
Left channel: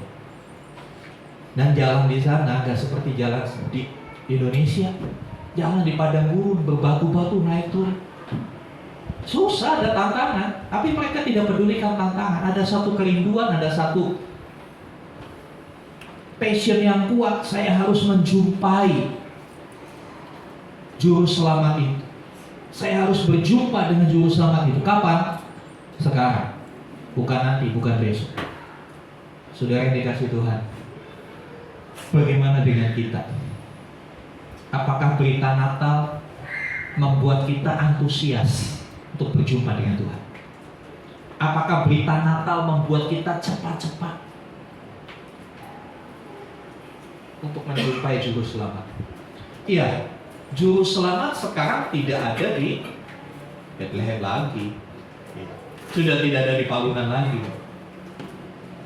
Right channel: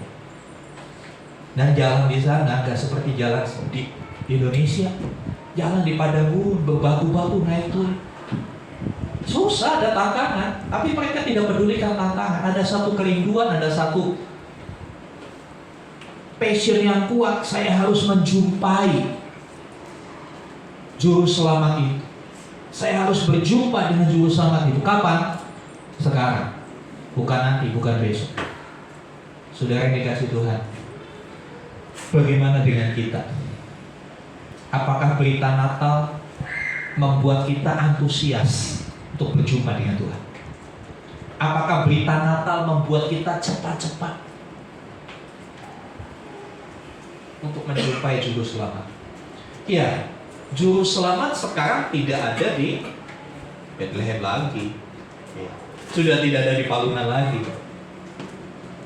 Dan jalan di sana nggak seperti jalan di Indonesia. Jalan di padang gurun, berbatu-batu naik turun. Susah, ada tantangan. Tapi mereka tidak pedulikan tantangan. Ada satu kerinduan, ada satu passion yang kuat. Saya harus menjumpai Juru Selamat itu. Saya harus berjumpa dengan Juru Selamat itu. Kapan? Sekarang. Bukan nanti, bukan besok. Saudara yang dikasihi Tuhan, bagaimana dengan kita? Apakah berita Natal membuat kita antusias untuk berjumpa dengan Tuhan? Apakah berita Natal membuat kita cepat-cepat untuk menjumpai Juru Selamat? Iya, Juru Selamat sekarang tidak ada di Bethlehem lagi. Sudah tidak ada di palungan lagi.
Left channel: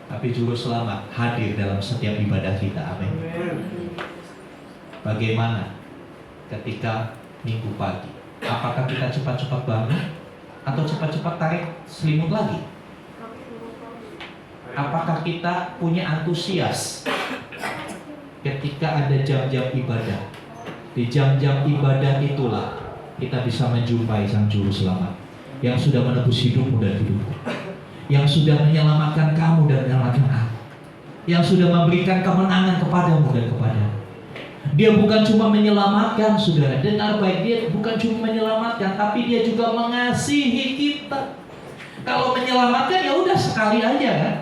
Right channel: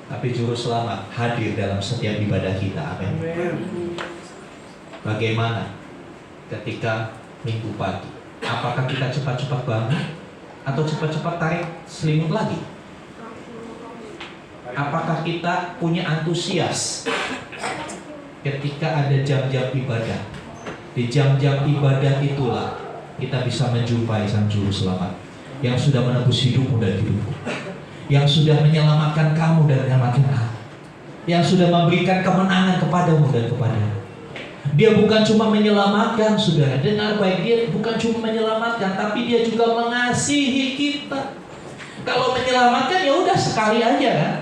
Tapi Juru Selamat hadir dalam setiap ibadah kita. Amin. Bagaimana ketika Minggu pagi? Apakah kita cepat-cepat bangun atau cepat-cepat tarik selimut lagi? Apakah kita punya antusias ketika ada jam-jam ibadah? Di jam-jam ibadah itulah kita bisa menjumpai Sang Juru Selamat yang sudah menebus hidupmu dan hidupku, yang sudah menyelamatkan kamu dan menyelamatkan aku, yang sudah memberikan kemenangan kepadamu dan kepadamu. Dia bukan cuma menyelamatkan, saudara, dengar baik, dia bukan cuma menyelamatkan, tapi dia juga mengasihi kita. Kalau menyelamatkan ya udah sekali aja kan,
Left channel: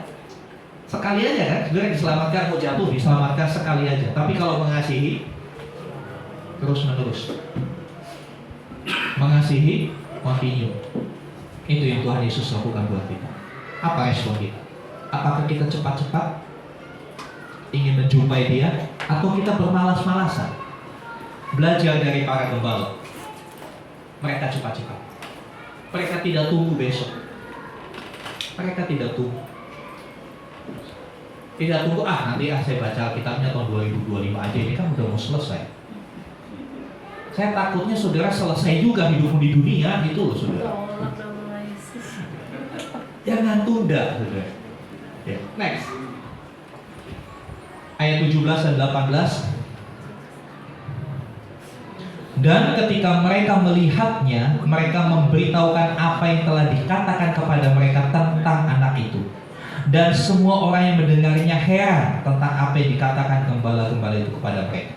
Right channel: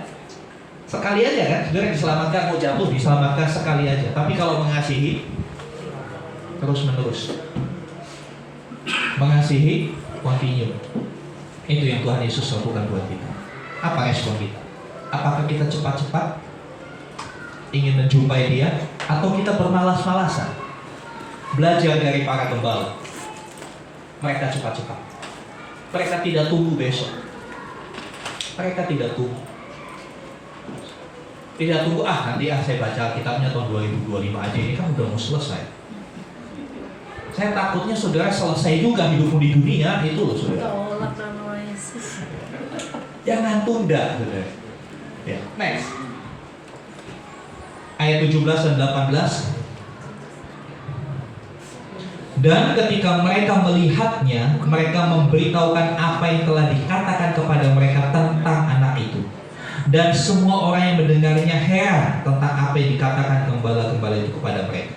sekali aja kan, saudara diselamatkan, mau jatuh diselamatkan sekali aja. Tapi kalau mengasihi terus menerus, mengasihi continue. Itu yang Tuhan Yesus lakukan buat kita. Apa respon kita? Apakah kita cepat-cepat ingin menjumpai Dia, atau kita bermalas-malasan? Belajar dari para gembala. Mereka cepat-cepat. Mereka tidak tunggu besok. Mereka tidak tunggu. Tidak tunggu, nanti saya baca kitabnya tahun 2025 aja, ini kan udah mau selesai. Saya takutnya saudara selesai juga hidupmu di dunia, itu loh saudara. Jangan tunda, saudara. Ya, next. Ayat 17 dan 18. Dan ketika mereka melihatnya, mereka memberitahukan apa yang telah dikatakan kepada mereka tentang anak itu. Dan semua orang yang mendengarnya heran tentang apa yang dikatakan gembala-gembala itu kepada mereka.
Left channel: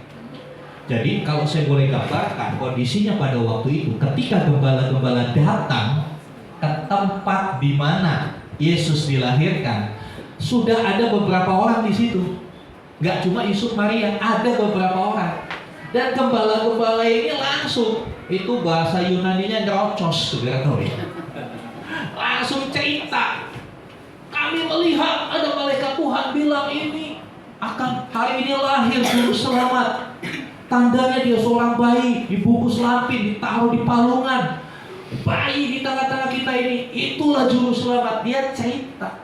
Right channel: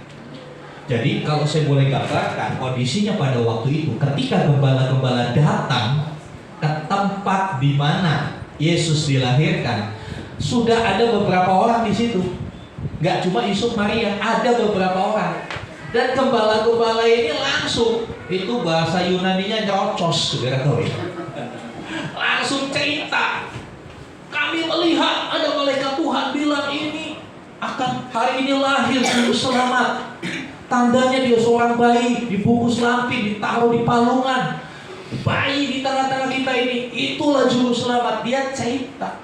Jadi kalau saya boleh gambarkan kondisinya pada waktu itu, ketika gembala-gembala datang ke tempat di mana Yesus dilahirkan, sudah ada beberapa orang di situ. Gak cuma Yusuf Maria, ada beberapa orang. Dan gembala-gembala ini langsung, itu bahasa Yunaninya nyerocos, saudara tahu ya. Langsung cerita, kami melihat ada malaikat Tuhan bilang ini akan hari ini lahir Juru Selamat. Tandanya dia seorang bayi, dibungkus lampin, ditaruh di palungan. Bayi di tengah-tengah kita ini, itulah Juru Selamat. Dia cerita.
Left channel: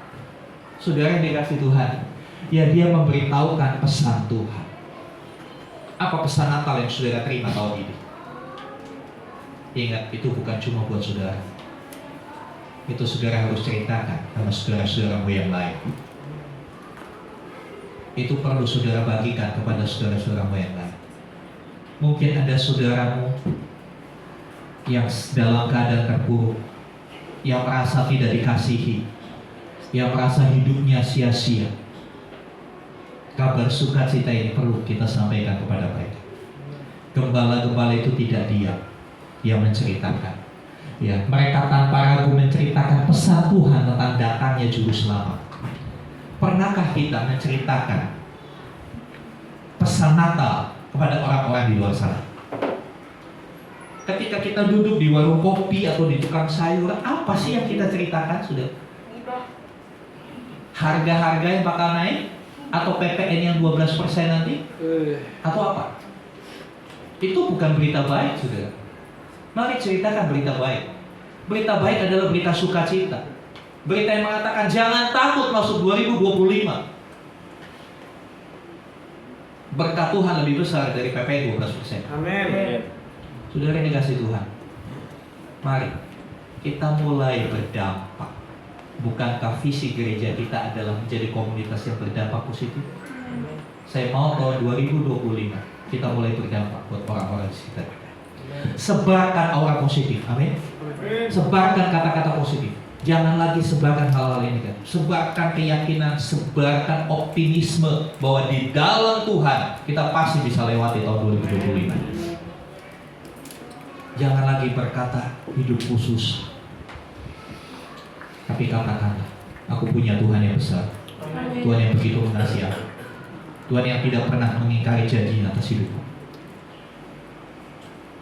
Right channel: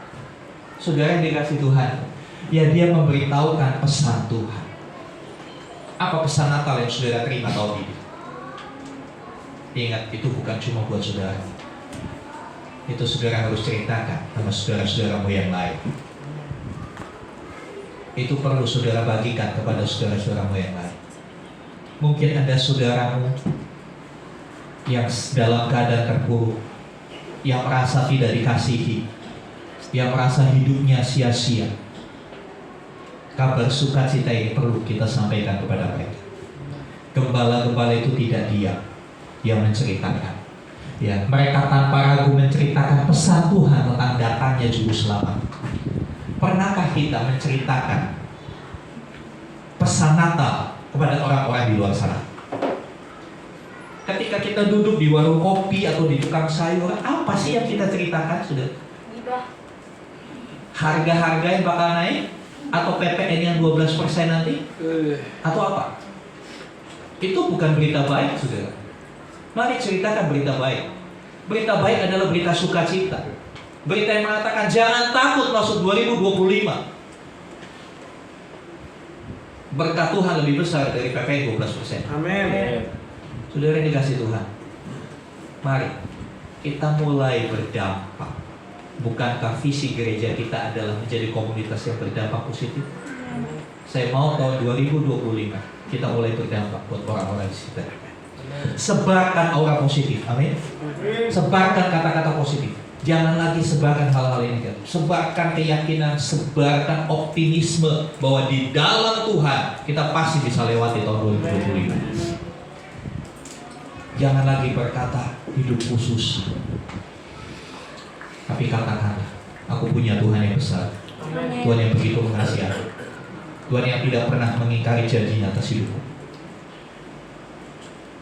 Saudara yang dikasih Tuhan, ya dia memberitahukan pesan Tuhan. Apa pesan Natal yang saudara terima tahun ini? Ingat, itu bukan cuma buat saudara. Itu saudara harus ceritakan sama saudara-saudaramu yang lain. Itu perlu saudara bagikan kepada saudara-saudaramu yang lain. Mungkin ada saudaramu yang dalam keadaan terpuruk, yang merasa tidak dikasihi, yang merasa hidupnya sia-sia. Kabar sukacita ini perlu kita sampaikan kepada mereka. Gembala-gembala itu tidak diam, dia menceritakan. Ya, mereka tanpa ragu menceritakan pesan Tuhan tentang datangnya Juru Selamat. Pernahkah kita menceritakan pesan Natal kepada orang-orang di luar sana? Ketika kita duduk di warung kopi atau di tukang sayur, apa sih yang kita ceritakan? Sudah harga-harga yang bakal naik, atau PPN yang 12% nanti, atau apa? Itu bukan berita baik, saudara. Mari ceritakan berita baik. Berita baik adalah berita sukacita. Berita yang mengatakan jangan takut masuk 2025. Berkat Tuhan lebih besar dari PPN 12%. Amin. Saudara yang dikasih Tuhan, mari kita mulai berdampak. Bukankah visi gereja kita adalah menjadi komunitas yang berdampak positif? Saya mau tahun 2025 kita mulai berdampak buat orang-orang di sekitar kita. Sebarkan aura positif, amin. Sebarkan kata-kata positif. Jangan lagi sebarkan hal-hal ini kan. Sebarkan keyakinan, sebarkan optimisme bahwa di dalam Tuhan kita pasti bisa lewati tahun 2025. Jangan lagi berkata hidup khusus, tapi katakan aku punya Tuhan yang besar, Tuhan yang begitu mengasihi aku, Tuhan yang tidak pernah mengingkari janji atas hidupku.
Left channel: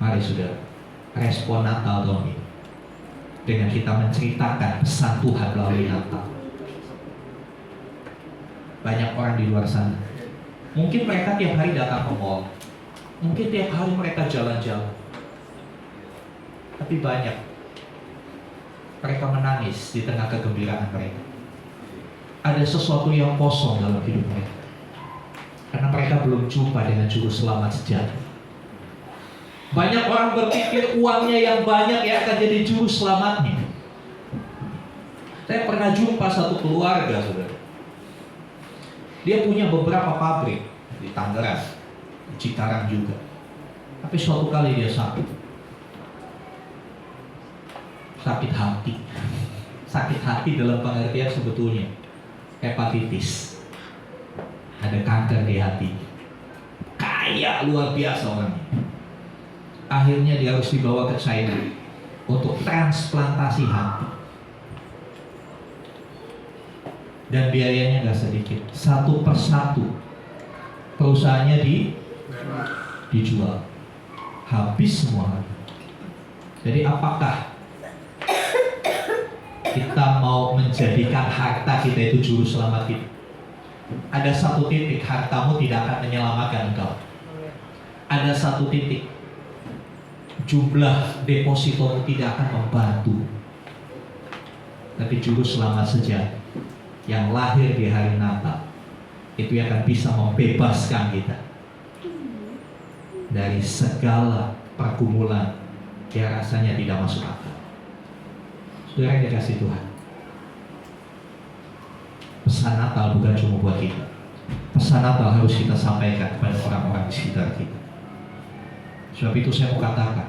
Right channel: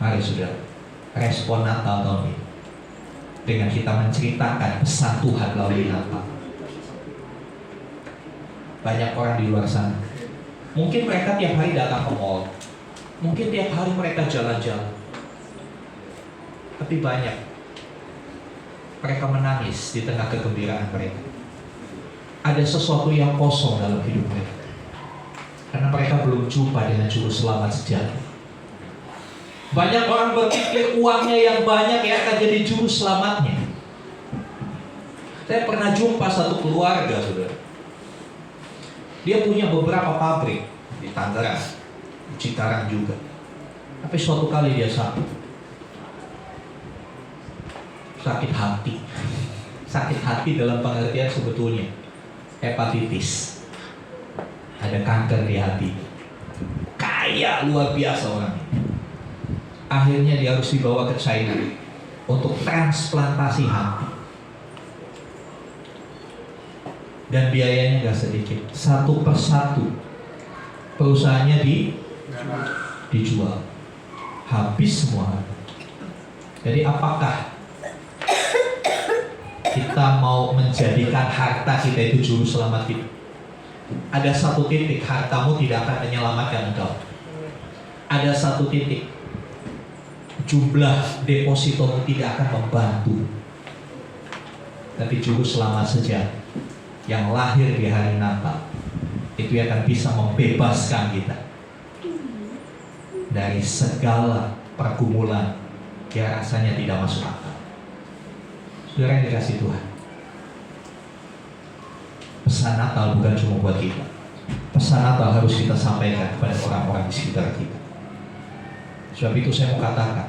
Mari saudara, respon Natal tahun ini dengan kita menceritakan pesan Tuhan melalui Natal. Banyak orang di luar sana, mungkin mereka tiap hari datang ke mall, mungkin tiap hari mereka jalan-jalan, tapi banyak mereka menangis di tengah kegembiraan mereka. ada sesuatu yang kosong dalam hidup mereka. Karena mereka belum jumpa dengan juru selamat sejati. Banyak orang berpikir uangnya yang banyak yang akan jadi juru selamatnya. Saya pernah jumpa satu keluarga, saudara. Dia punya beberapa pabrik di Tangerang, di Cikarang juga. Tapi suatu kali dia sakit hati. Sakit hati dalam pengertian sebetulnya hepatitis. Ada kanker di hati. Kaya luar biasa orangnya. Akhirnya dia harus dibawa ke China untuk transplantasi hati. Dan biayanya gak sedikit. Satu persatu perusahaannya dijual. Habis semua. Jadi apakah kita mau menjadikan harta kita itu juru selamat kita? Ada satu titik hartamu tidak akan menyelamatkan engkau. Ada satu titik jumlah depositomu tidak akan membantu. Tapi juru selamat sejati yang lahir di hari Natal itu yang akan bisa membebaskan kita dari segala pergumulan yang rasanya tidak masuk akal. Saudara yang dikasih Tuhan, pesan Natal bukan cuma buat kita. Pesan Natal harus kita sampaikan kepada orang-orang di sekitar kita. Sebab itu saya mau katakan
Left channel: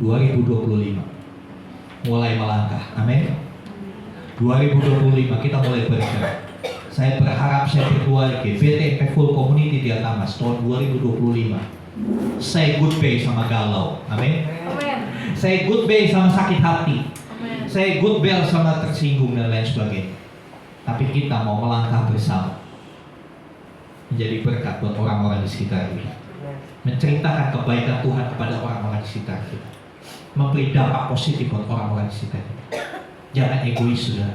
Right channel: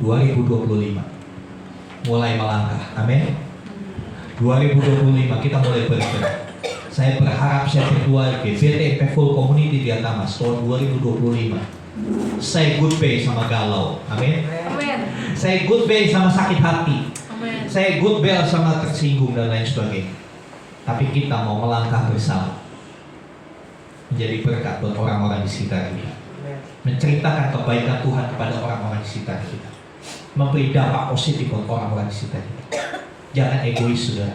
2025 mulai melangkah, amin. 2025 kita mulai bergerak. Saya berharap, saya berdoa GBTMP Full Community di Atamas tahun 2025 say goodbye sama galau, amin. Say goodbye sama sakit hati, say goodbye sama tersinggung dan lain sebagainya. Tapi kita mau melangkah bersama menjadi berkat buat orang-orang di sekitar kita, menceritakan kebaikan Tuhan kepada orang-orang di sekitar kita, memberi dampak positif buat orang-orang di sekitar kita. Jangan egois, saudara.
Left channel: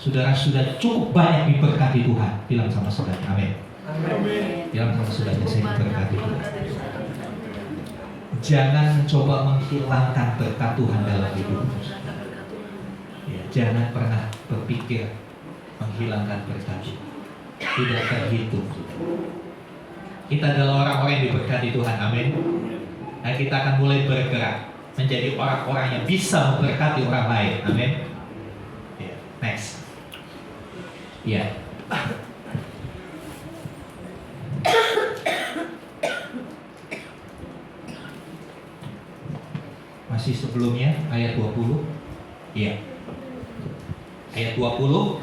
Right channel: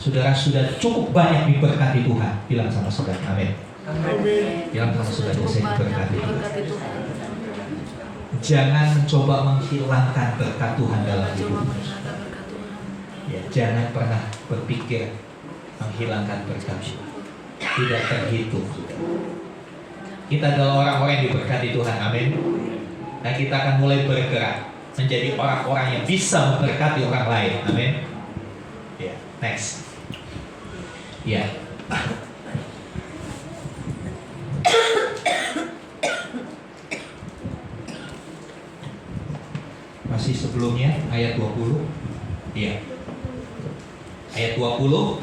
Saudara sudah cukup banyak diberkati Tuhan. Bilang sama saudara, amin. Bilang sama saudara, saya diberkati Tuhan. Jangan mencoba menghilangkan berkat Tuhan dalam hidupmu. Ya, jangan pernah berpikir menghilangkan berkat Tuhan. Tidak terhitung. Kita adalah orang-orang yang diberkati Tuhan, amin. Dan kita akan mulai bergerak menjadi orang-orang yang bisa memberkati orang lain, amin. Ya, next. Ya. Masih sebelumnya ayat 20. Iya. Ayat 20.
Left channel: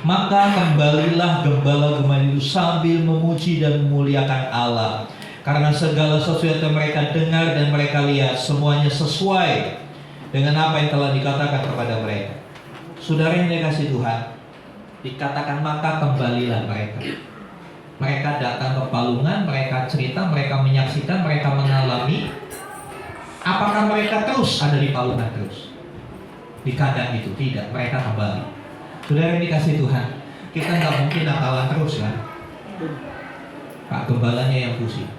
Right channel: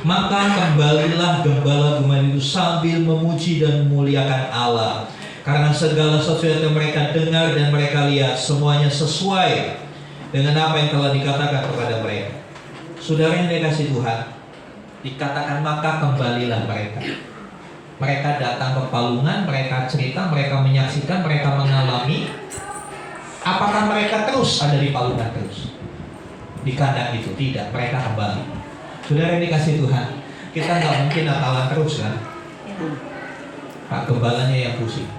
Maka kembalilah gembala-gembala itu sambil memuji dan memuliakan Allah, karena segala sesuatu yang mereka dengar dan mereka lihat semuanya sesuai dengan apa yang telah dikatakan kepada mereka. Saudara yang dikasih Tuhan, dikatakan maka kembalilah mereka. Mereka datang ke palungan, mereka cerita, mereka menyaksikan, mereka mengalami. Apakah mereka terus ada di palungan terus? Di kandang itu? Tidak, mereka kembali. Saudara yang dikasih Tuhan, kita nggak mungkin Natalan terus kan? Pak gembalanya yang pusing.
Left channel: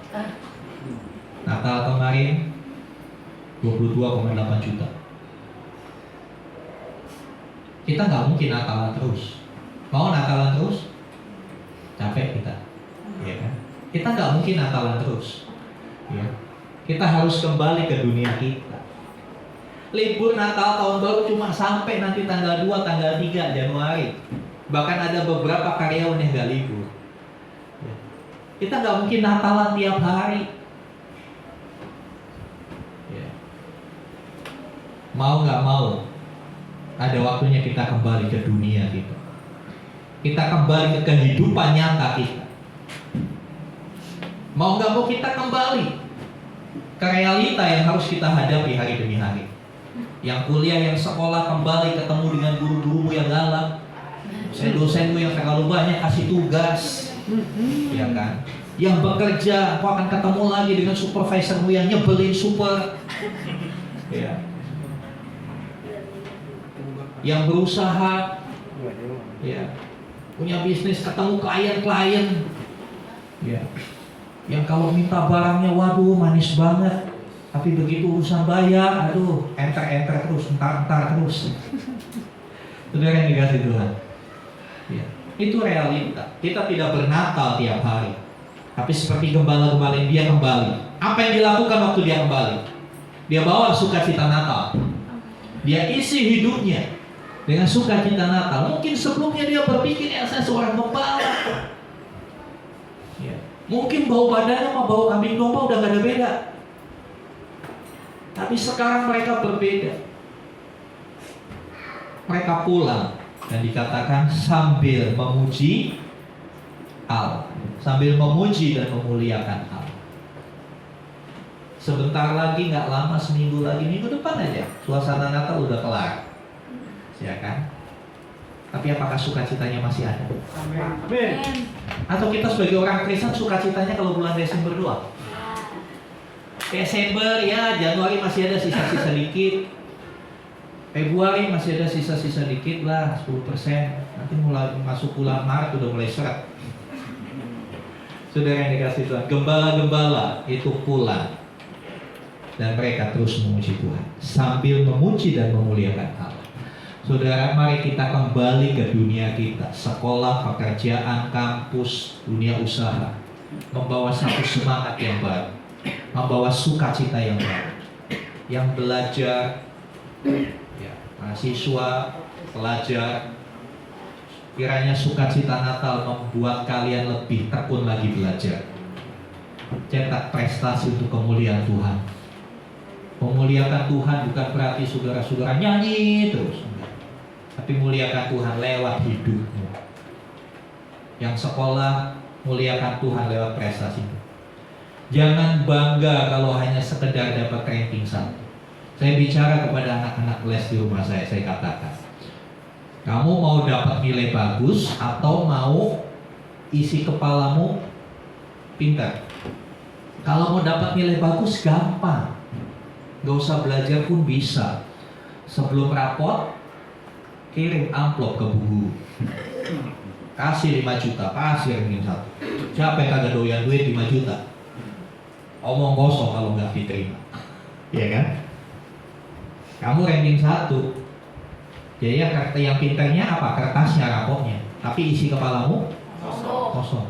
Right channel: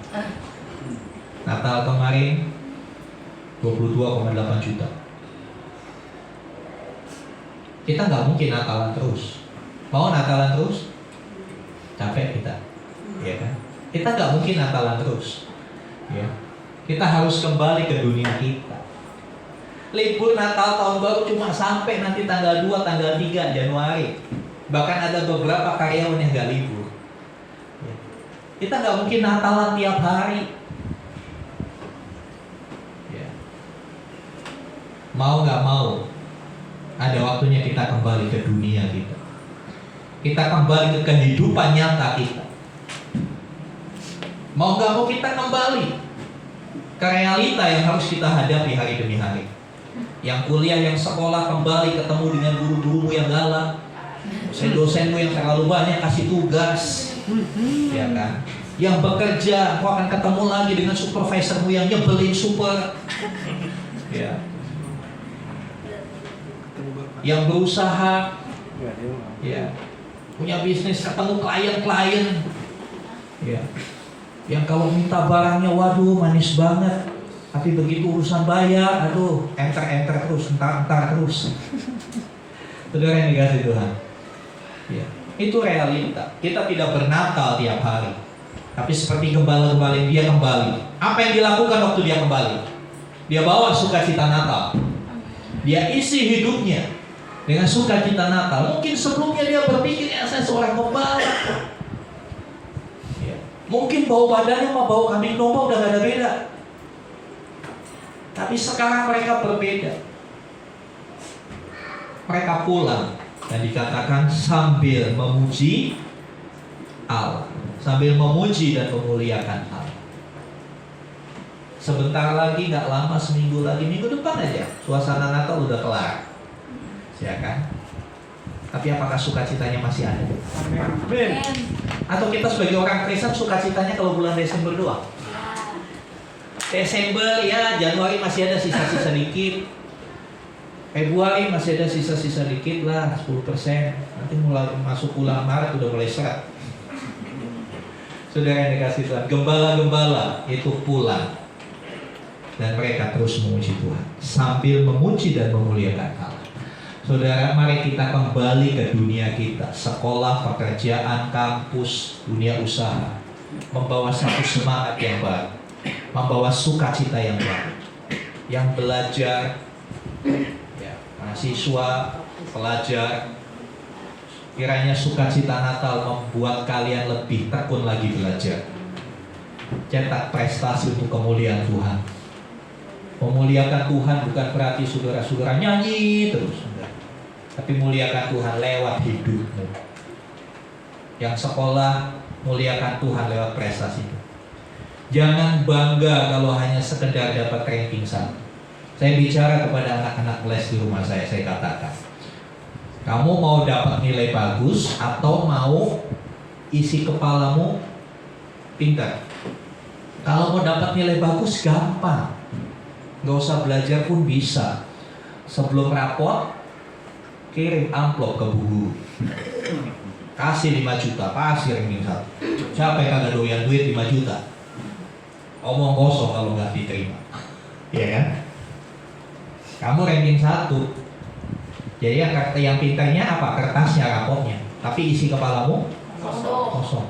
Natal kemarin 22,8 juta. Kita nggak mungkin Natalan terus. Mau Natalan terus? Capek kita, ya kan? Kita nggak mungkin Natalan terus, ya. Kita harus kembali ke dunia kita. Libur Natal tahun baru cuma sampai nanti tanggal 2, tanggal 3 Januari. Bahkan ada beberapa karyawan yang nggak libur. Ya. Kita nggak mungkin Natalan tiap hari. Ya. Mau nggak mau, ada waktunya kita kembali ke dunia kita. Kita kembali ke kehidupan nyata kita. Mau nggak mau kita kembali ke realita yang harus kita hadapi hari demi hari. Yang kuliah, yang sekolah, kembali ketemu dengan guru-gurumu yang galak, dosenmu yang terlalu banyak kasih tugas, ya kan? Yang bekerja, kau akan ketemu lagi dengan supervisormu yang nyebelin super, ya. Yang berusaha, ya, punya bisnis, ketemu klien-klien, ya. Yang kalau minta barangnya, waduh manis banget. Tapi begitu urusan bayar, aduh, enter terus, entar terus. Saudara yang dikasih Tuhan, ya, itu realita. Kita tidak bernatal tiap hari, tapi seperti gembala-gembala dia kembali. Apa yang dilakukan waktu dia kembali? Dia bawa sukacita Natal. Dia isi hidupnya dengan sukacita Natal. Mungkin sebelumnya dia berpikir, ya saya seorang gembala. Ya. Mungkin bau badannya sama bau kambing domba udah gak ada beda. Tapi sekarang mereka berbeda. Mereka pulang dan dikatakan sambil memuji Allah, sambil memuji dan memuliakan Allah. Sebentar lagi, nggak lama, seminggu lagi, minggu depan aja suasana Natal udah kelar, ya kan? Tapi apakah sukacitanya masih ada? Amin. Atau kita sebagai orang Kristen sukacitanya kalau bulan Desember doang? Desember ya, Januari masih ada sisa-sisa dikit, Februari masih ada sisa-sisa dikit lah, 10%. Nanti mulai masuk bulan Maret udah mulai seret. Saudara yang dikasih Tuhan, gembala-gembala itu pulang dan mereka terus memuji Tuhan sambil memuji dan memuliakan Allah. Saudara, mari kita kembali ke dunia kita, sekolah, pekerjaan, kampus, dunia usaha, membawa satu semangat yang baru, membawa sukacita yang baru, yang belajar, ya, mahasiswa, pelajar, kiranya sukacita Natal membuat kalian lebih tekun lagi belajar. Cetak prestasi untuk kemuliaan Tuhan. Memuliakan Tuhan bukan berarti saudara-saudara nyanyi terus, enggak. Tapi muliakan Tuhan lewat hidupmu. Yang sekolah, muliakan Tuhan lewat prestasi. Jangan bangga kalau hanya sekedar dapat ranking 1. Saya bicara kepada anak-anak les di rumah saya katakan, kamu mau dapat nilai bagus atau mau isi kepalamu pintar? Kalau mau dapat nilai bagus gampang, gak usah belajar pun bisa. Sebelum rapot, kirim amplop ke bu guru, kasih 5 juta, kasih ranking 1. Siapa yang kagak doyan duit 5 juta? Omong kosong kalau nggak diterima, ya kan? Kamu ranking 1, jadi yang pintarnya apa? Kertasnya, rapotnya, tapi isi kepalamu kosong.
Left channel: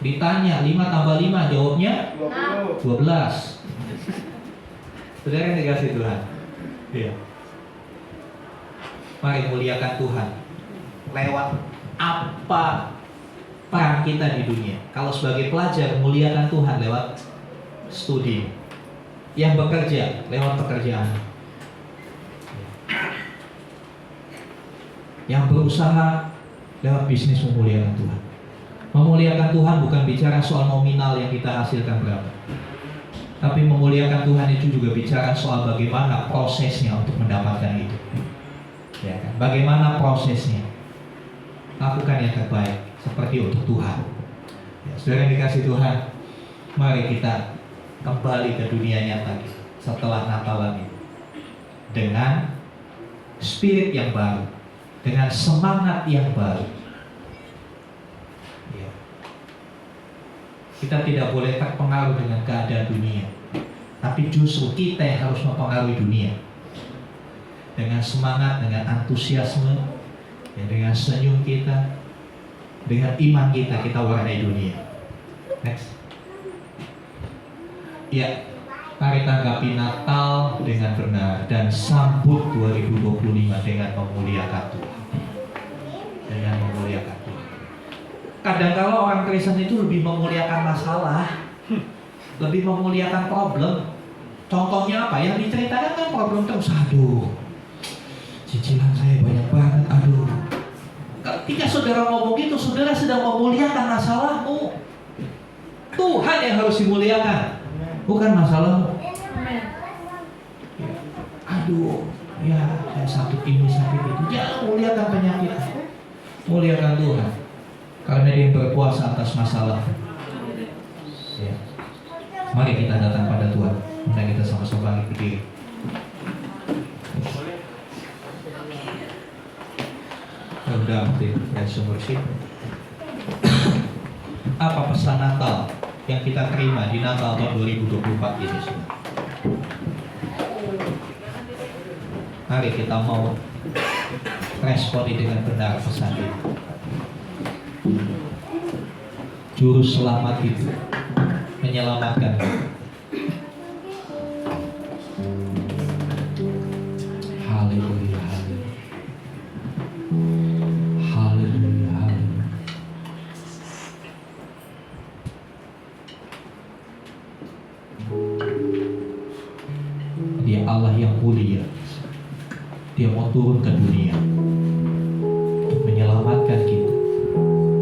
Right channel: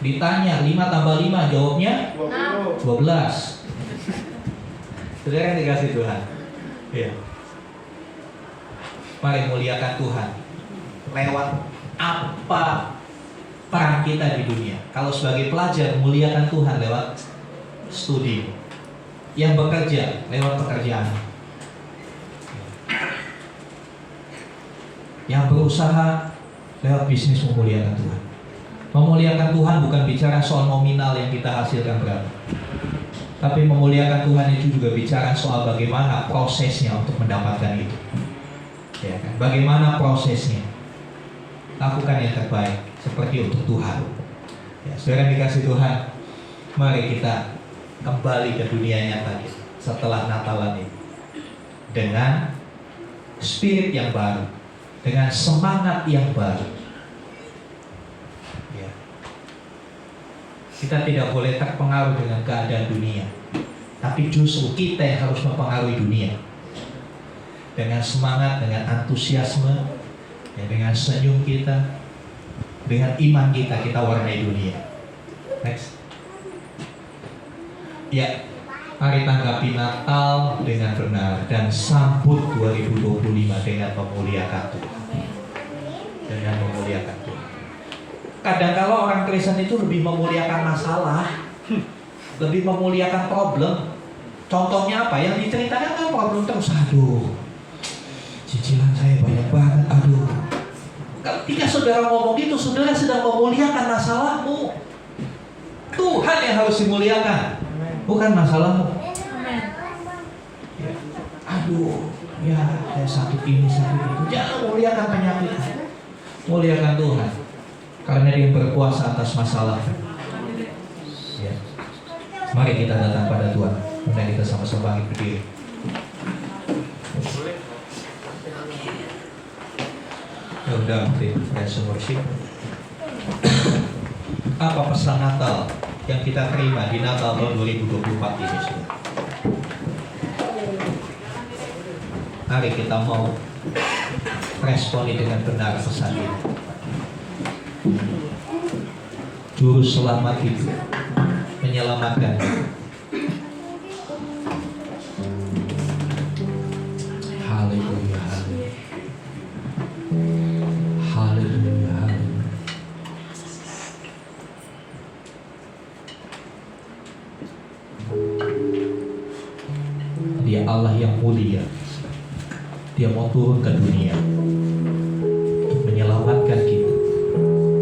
Ditanya 5 tambah 5, jawabnya 12. Saudara yang dikasih Tuhan, ya. Mari muliakan Tuhan lewat apa peran kita di dunia. Kalau sebagai pelajar, muliakan Tuhan lewat studi. Yang bekerja lewat pekerjaan. Yang berusaha lewat bisnis, memuliakan Tuhan. Memuliakan Tuhan bukan bicara soal nominal yang kita hasilkan berapa, tapi memuliakan Tuhan itu juga bicara soal bagaimana prosesnya untuk mendapatkan itu, ya kan? Bagaimana prosesnya? Lakukan yang terbaik seperti untuk Tuhan. Ya, saudara yang dikasih Tuhan, mari kita kembali ke dunia nyata kita setelah Natalan ini dengan spirit yang baru, dengan semangat yang baru. Ya. Kita tidak boleh terpengaruh dengan keadaan dunia, tapi justru kita yang harus mempengaruhi dunia dengan semangat, dengan antusiasme, ya, dengan senyum kita, dengan iman kita, kita warnai dunia. Next. Ya, mari tanggapi Natal dengan benar dan sambut 2025 dengan memuliakan Tuhan. Dengan memuliakan Tuhan. Kadang kalau orang Kristen itu lebih memuliakan masalah, lebih memuliakan problem. Contohnya apa? Yang diceritakan kan problem terus. Aduh, cicilan saya banyak banget. Aduh. Ketika saudara ngomong gitu, saudara sedang memuliakan masalahmu. Tuhan yang harus dimuliakan, bukan masalahmu. Ya. Aduh, ya saya sakit ini, sakit itu. Jangan muliakan penyakit, muliakan Tuhan, karena Dia yang berkuasa atas masalah. Ya. Mari kita datang pada Tuhan, kemudian kita sama-sama bangkit berdiri. Ya udah, ya sumur sih. Apa pesan Natal yang kita terima di Natal tahun 2024 ini, saudara? Mari kita mau responi dengan benar pesan itu. Juru selamat itu menyelamatkan. Haleluya, haleluya. Haleluya, haleluya. Dia Allah yang mulia. Dia mau turun ke dunia untuk menyelamatkan kita.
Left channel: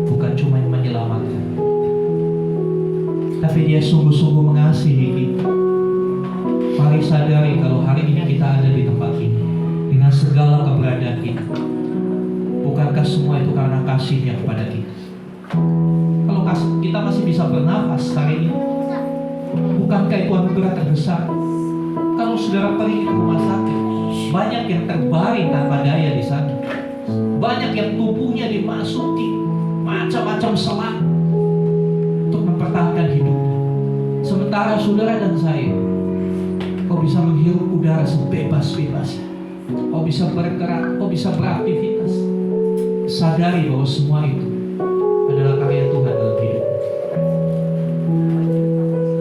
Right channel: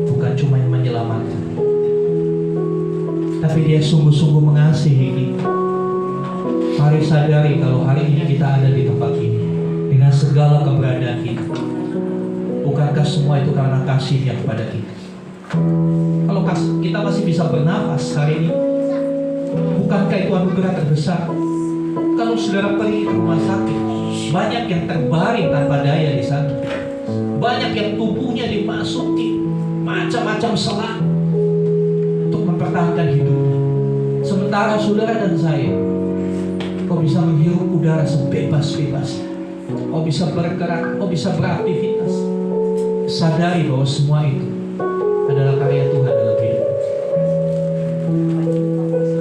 Bukan cuma yang menyelamatkan, tapi dia sungguh-sungguh mengasihi kita. Mari sadari kalau hari ini kita ada di tempat ini dengan segala keberadaan kita. Bukankah semua itu karena kasihnya kepada kita? Kalau kita masih bisa bernafas hari ini, bukankah itu anugerah terbesar? Kalau saudara pergi ke rumah sakit, banyak yang terbaring tanpa daya di sana. Banyak yang tubuhnya dimasuki macam-macam selang untuk mempertahankan hidupnya. Sementara saudara dan saya, kau bisa menghirup udara sebebas-bebas. Kau bisa bergerak, kau bisa beraktivitas. Sadari bahwa semua itu adalah karya Tuhan dalam hidup.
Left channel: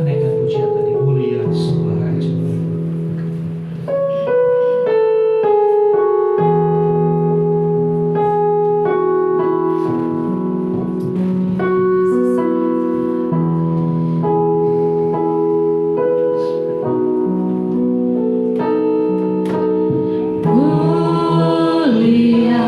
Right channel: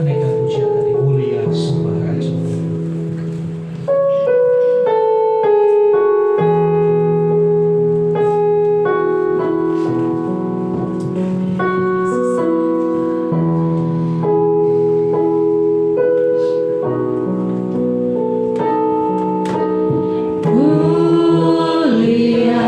Naikkan pujian tadi, mulia sembah Raja. Mulia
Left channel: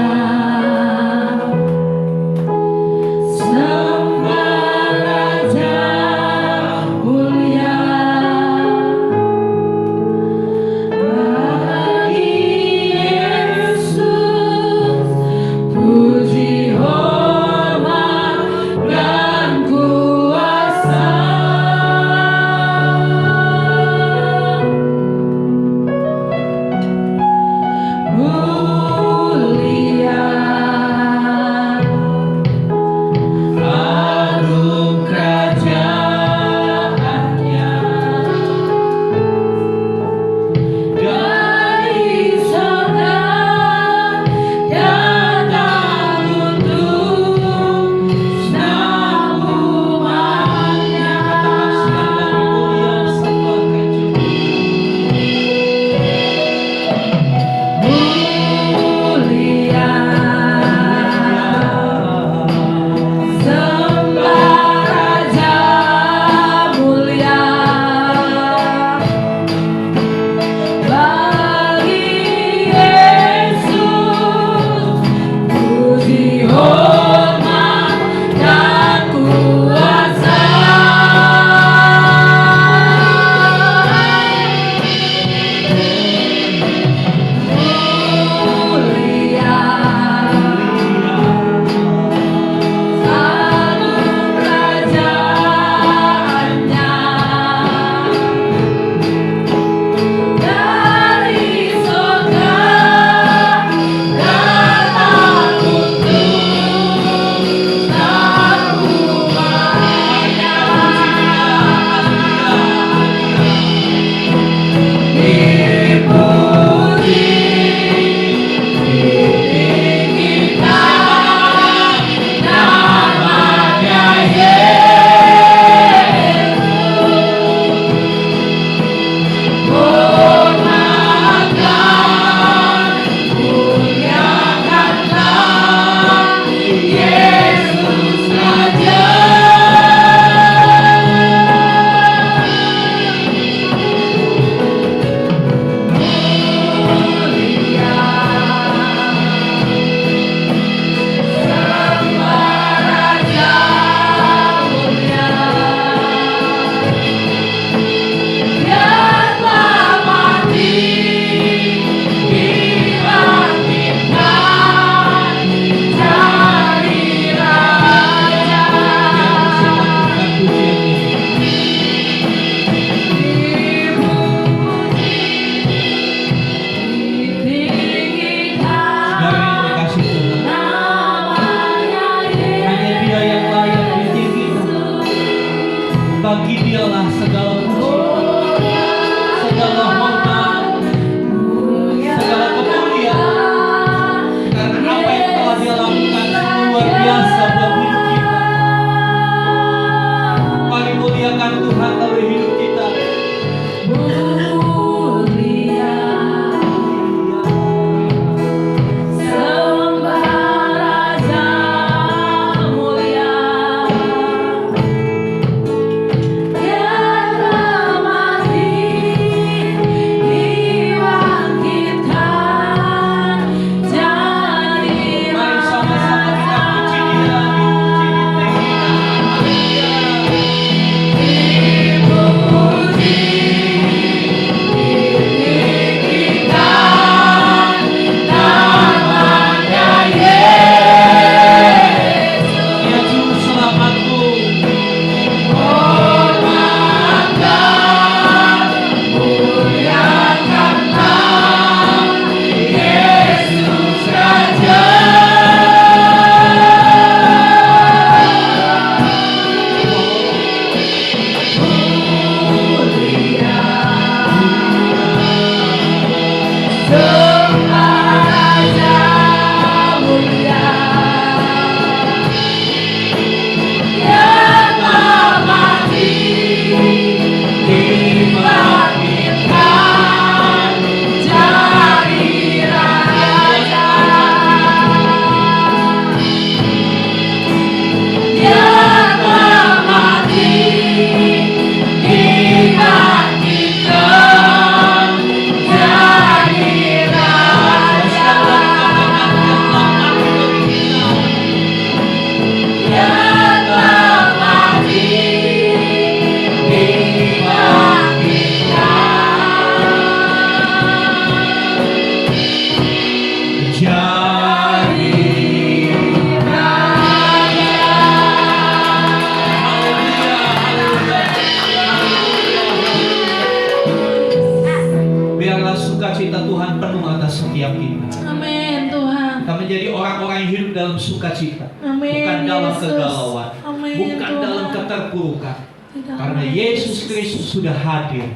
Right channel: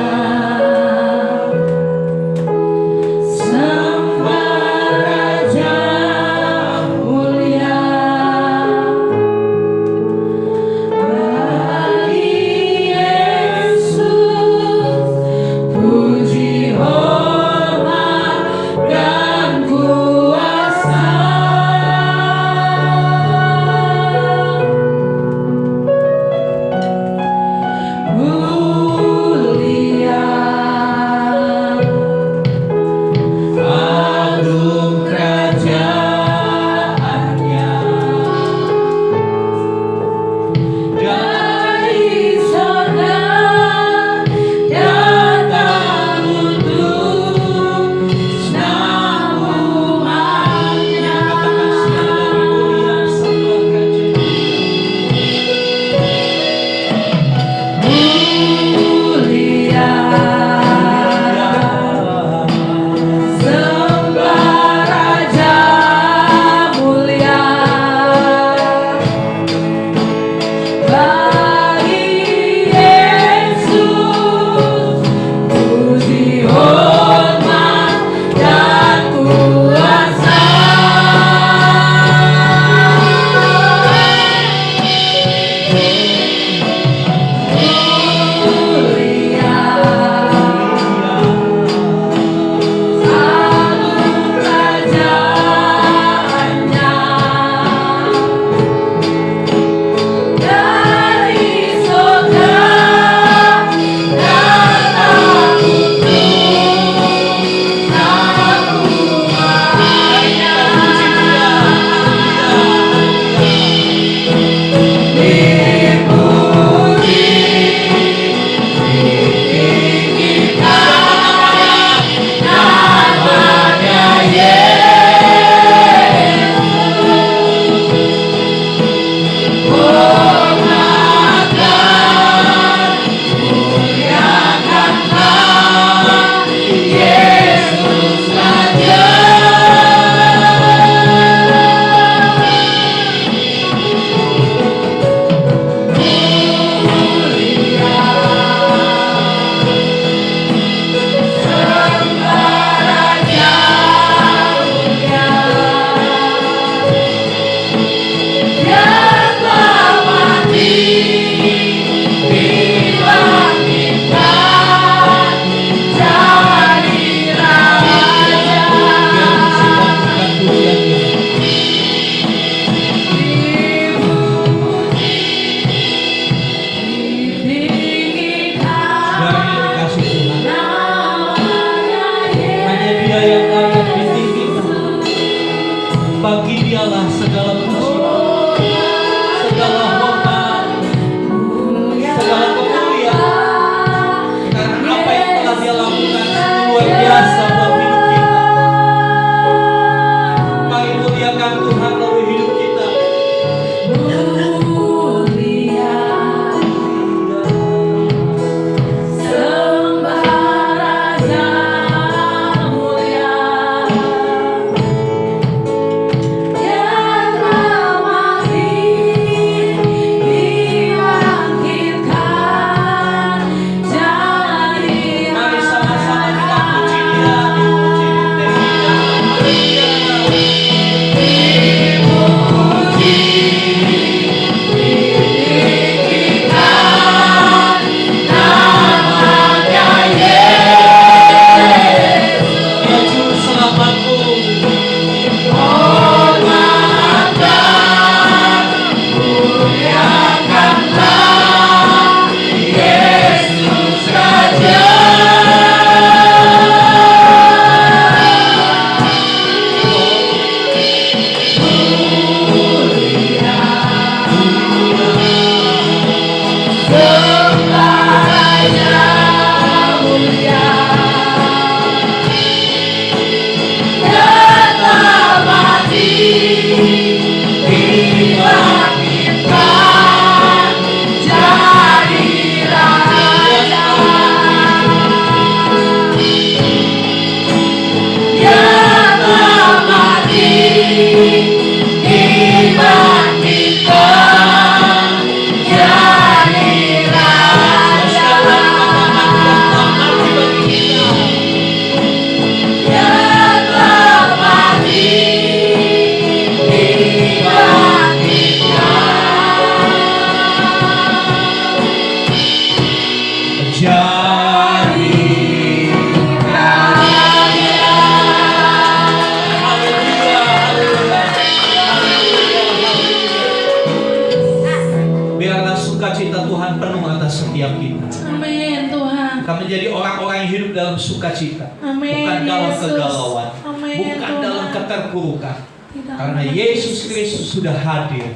Biarlah sukacita Tuhan penuh atas setiap kita. Amin Tuhan. Kami menjadi orang-orang yang hidup dalam sukacita, Amin, bukan dalam Yesus. kegalauan, Amin, bukan Tuhan. dalam keterpurukan. Tidak Karena mau. Yesus Kristus sudah hadir,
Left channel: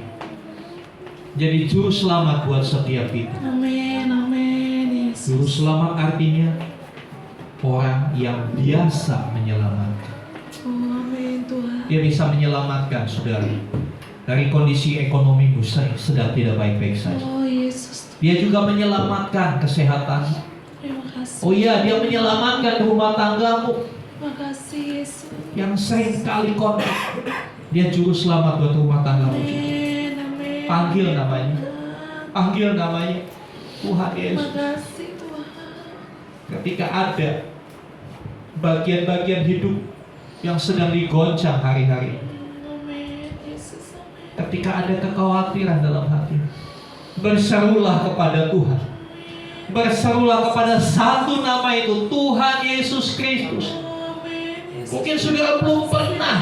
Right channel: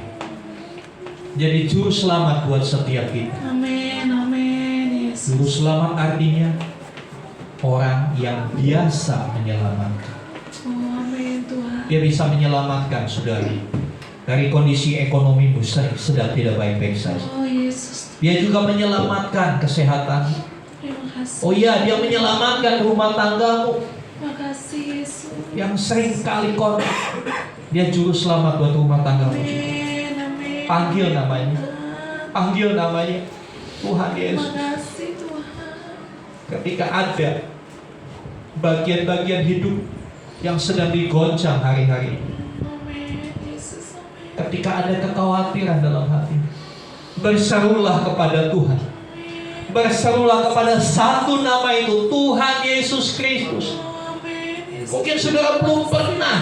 jadi juru selamat buat setiap kita. Amin, amin Yesus. Juru selamat artinya orang yang biasa menyelamatkan. Oh, amin Tuhan. Dia bisa menyelamatkan saudara dari kondisi ekonomimu sedang tidak baik-baik saja. Oh Yesus. Dia juga menyelamatkan kesehatan. Terima kasih. Oh iya, dia menyelamatkan rumah tanggamu Terima kasih Yesus. yang sering kali konflik. Dia juru selamat buat rumah tanggamu. Amin, amin. Panggil namanya, panggil namanya Tuhan Terima Yesus. kasih Tuhan. Ketika ada bagian-bagian hidup yang sedang digoncang hari-hari ini, Amin Yesus. Amin. ketika ada kekhawatiran dalam hati, berserulah kepada Tuhan. Berserulah kepada satu nama itu, Tuhan Yesus Kristus. Amin Yesus. Mungkin saudara belum pernah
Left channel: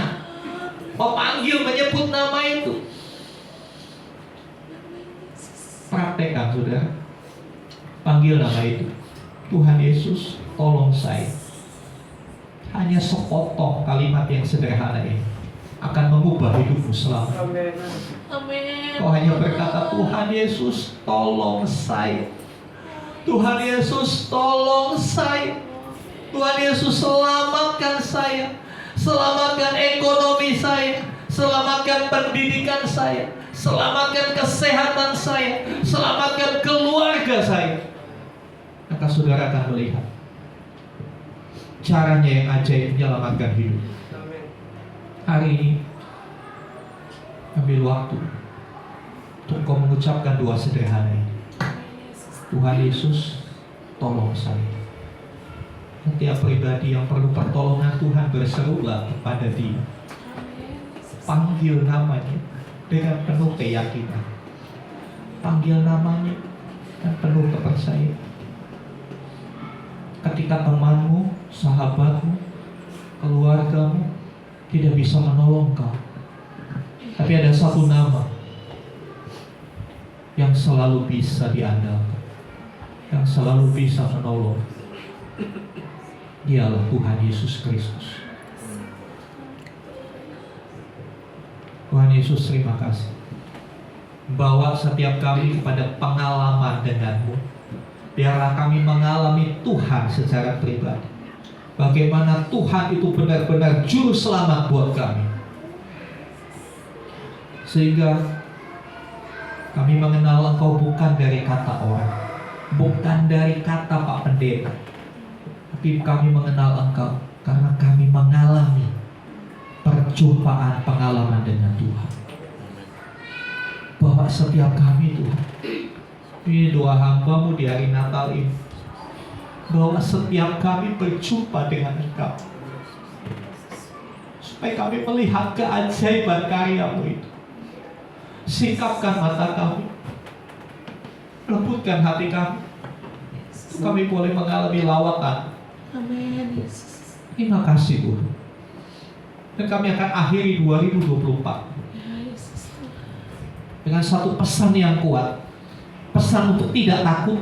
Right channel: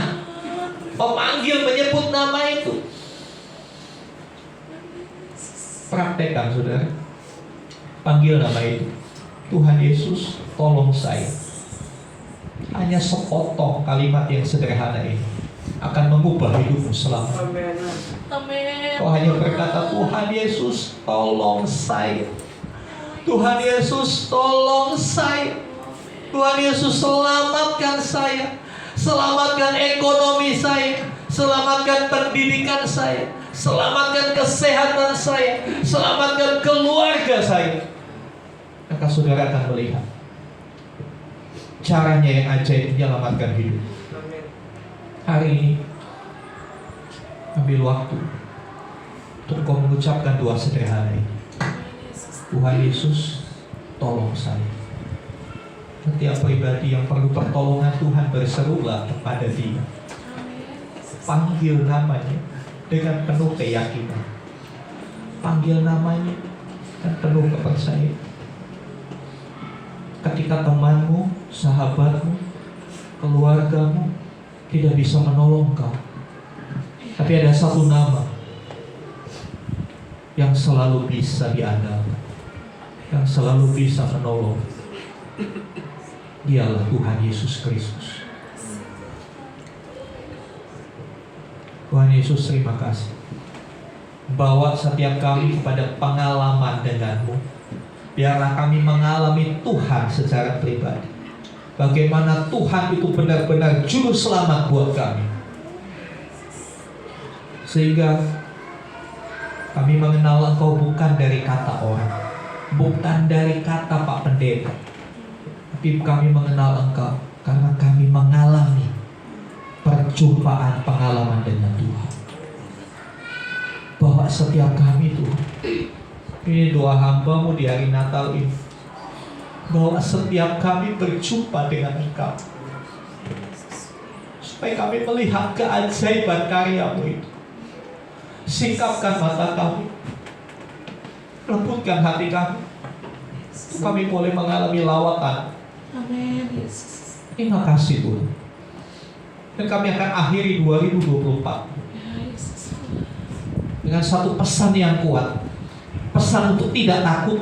memanggil, menyebut nama itu. Praktekkan saudara. Panggil nama itu. Tuhan Yesus, tolong saya. Hanya sepotong kalimat yang sederhana ini akan mengubah hidupmu selamanya. Amin. Amin. Kau hanya berkata, Tuhan Yesus, tolong saya. Tuhan Yesus, tolong saya. Tuhan Yesus, selamatkan saya. Selamatkan ekonomi saya. Selamatkan pendidikan saya. Selamatkan kesehatan saya. Selamatkan keluarga saya. Maka saudara akan melihat caranya yang ajaib menyelamatkan hidup. Amin. Hari ini ambil waktu untuk kau mengucapkan doa sederhana ini. Tuhan Yesus, tolong saya. Setiap pribadi yang perlu pertolongan Tuhan, berserulah kepada Dia. Panggil namanya dengan penuh keyakinan. Panggil namanya dan penuh kepercayaan. Ketika temanmu, sahabatmu, keluargamu tidak bisa menolong kau, tapi ada satu nama yang selalu bisa diandalkan, yang selalu bisa menolong. Dialah Tuhan Yesus Kristus. Tuhan Yesus, terima kasih. Bawa setiap kami kepada pengalaman denganmu. Biarlah kami mengalami Tuhan secara pribadi. Bagaimana Tuhan itu benar-benar juru selamat buat kami. Sehingga kami mengenal Engkau bukan dari kata orang, bukan dari kata Pak Pendeta, tapi kami mengenal Engkau karena kami mengalami perjumpaan pengalaman dengan Tuhan. Bawa setiap kami Tuhan. Ini doa hamba-Mu di hari Natal ini, bahwa setiap kami berjumpa dengan Engkau, supaya kami melihat keajaiban karya-Mu itu. Singkapkan mata kami, lembutkan hati kami, kami boleh mengalami lawatan. Amin Yesus. Terima kasih Tuhan. Dan kami akan akhiri 2024 Ya Yesus. dengan satu pesan yang kuat. Pesan untuk tidak takut,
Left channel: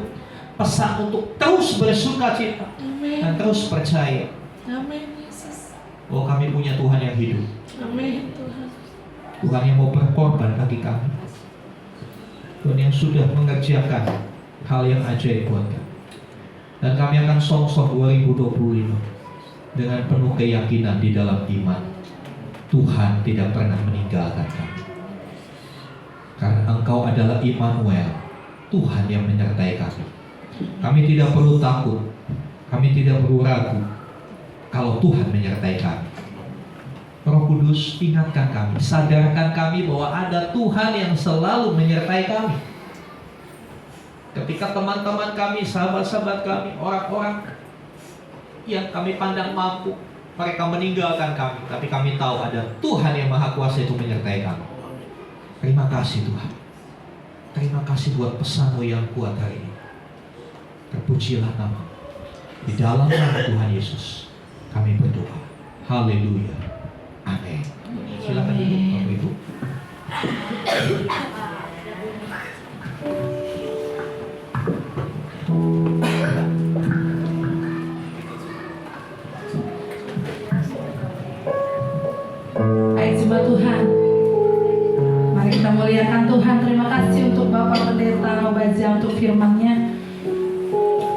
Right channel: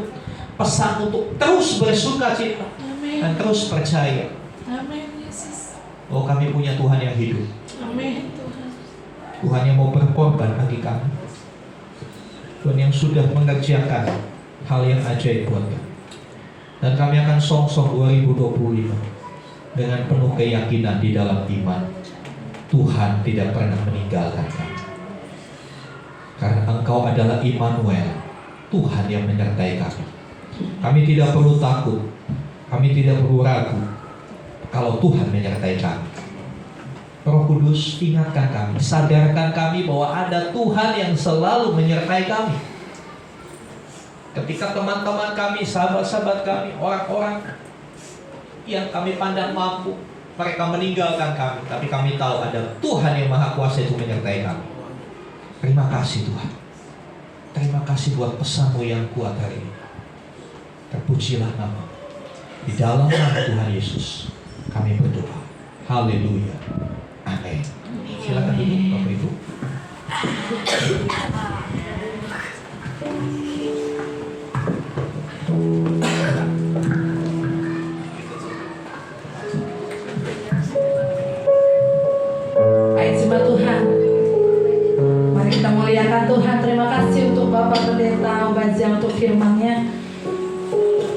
pesan untuk terus bersuka cita Amin. dan terus percaya Amin Yesus. bahwa kami punya Tuhan yang hidup, Amin Tuhan. Tuhan yang mau berkorban bagi kami, Tuhan yang sudah mengerjakan hal yang ajaib buat kami. Dan kami akan song-song 2025 dengan penuh keyakinan di dalam iman. Tuhan tidak pernah meninggalkan kami, karena Engkau adalah Immanuel, Tuhan yang menyertai kami. Kami tidak perlu takut, kami tidak perlu ragu kalau Tuhan menyertai kami. Roh Kudus, ingatkan kami, sadarkan kami bahwa ada Tuhan yang selalu menyertai kami. Ketika teman-teman kami, sahabat-sahabat kami, orang-orang yang kami pandang mampu, mereka meninggalkan kami, tapi kami tahu ada Tuhan yang Maha Kuasa itu menyertai kami. Terima kasih Tuhan. Terima kasih buat pesan-Mu yang kuat hari ini. Terpujilah nama. Di dalam nama Tuhan Yesus kami berdoa. Haleluya. Amin. Silakan duduk Bapak Ibu. Baik, sembah Tuhan. Mari kita muliakan Tuhan. Terima kasih untuk Bapak Pendeta Obazia untuk firman-Nya.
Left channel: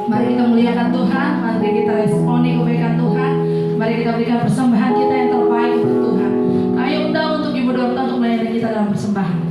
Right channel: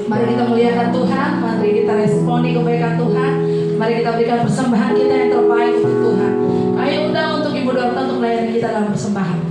Mari kita muliakan Tuhan. Mari kita responi kebaikan Tuhan. Mari kita berikan persembahan kita yang terbaik untuk Tuhan. Kami undang untuk Ibu Dorota untuk melayani kita dalam persembahan.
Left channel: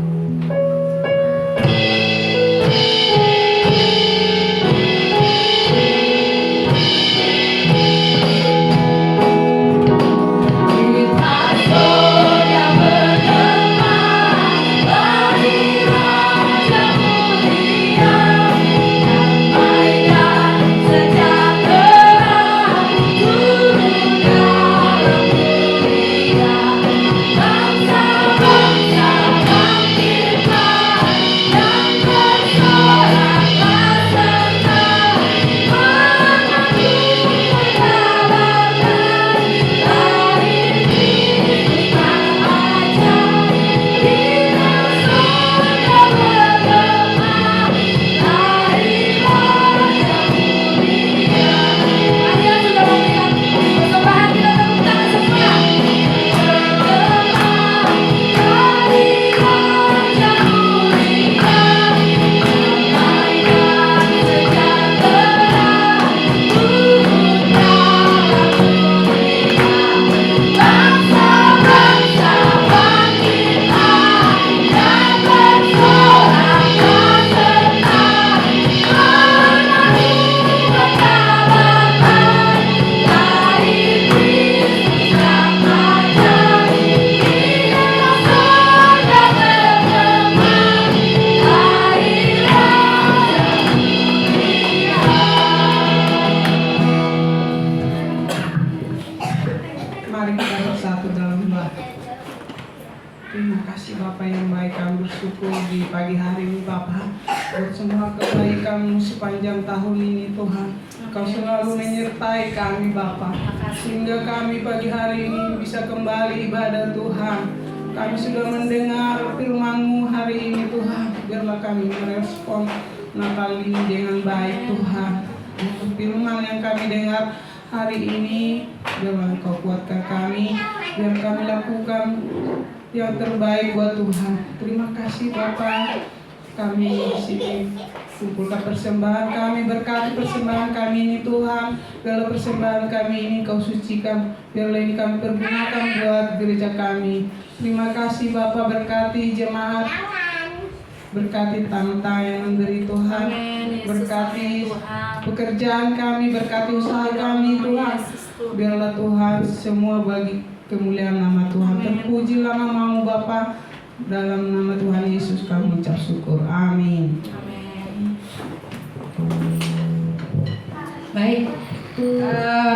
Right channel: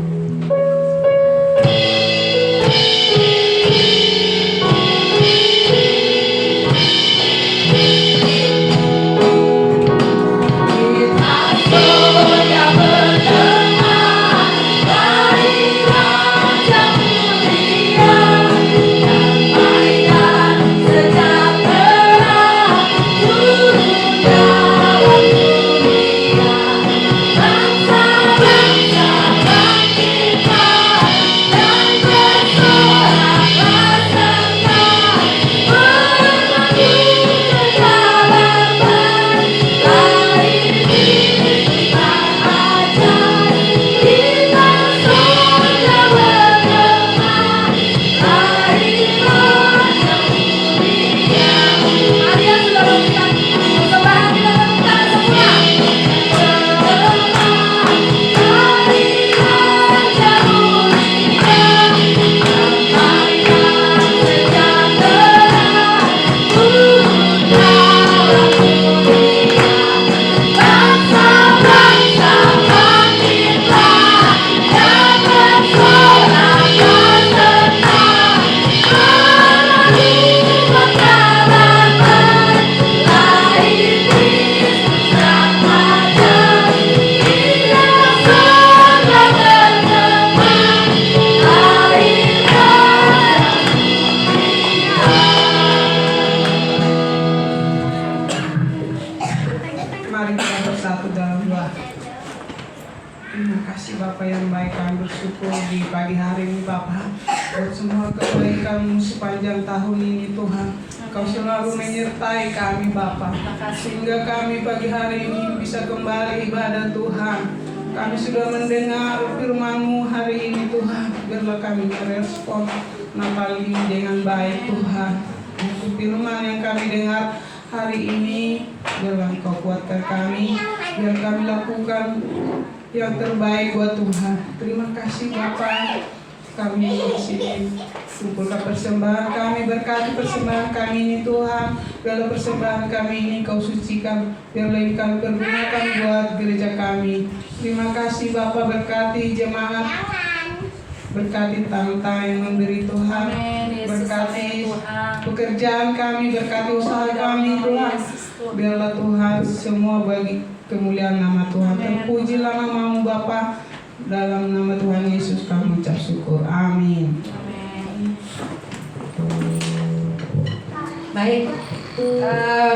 Mari kita bersatu dalam doa. Terima kasih Bapa yang baik, kami bersyukur di pagi hari ini Bapa buat semua kebaikan sepanjang tahun ini Tuhan. Kau selalu menyertai kami Bapa, sehingga kami pagi hari ini bisa kembali ibadah Tuhan. Kami sudah mendengar firman-Mu hari ini Tuhan. Biarlah kami merespon Natal ini dengan baik Tuhan. Firman yang kami dengar hari ini, biarlah Engkau kuatkan kami, biar kami lakukan yang terbaik buat Tuhan. Terima kasih Bapa. Kami di sini kumpulkan persembahan kami, berkati persembahan kami ini Tuhan. Biarlah persembahan kami ini Kau sucikan, biarlah ini kami pergunakan buat gereja kami. Terima kasih Bapa, berkati jemaat, berkati tanta yang memberi Tuhan, berkati pekerjaan kami, berkati usaha kami Tuhan. Biarlah Tuhan semua bagi kemuliaan nama Tuhan. Terpujilah nama-Mu Bapa. Dalam nama Tuhan Yesus kami ucap syukur. Amin. Baik,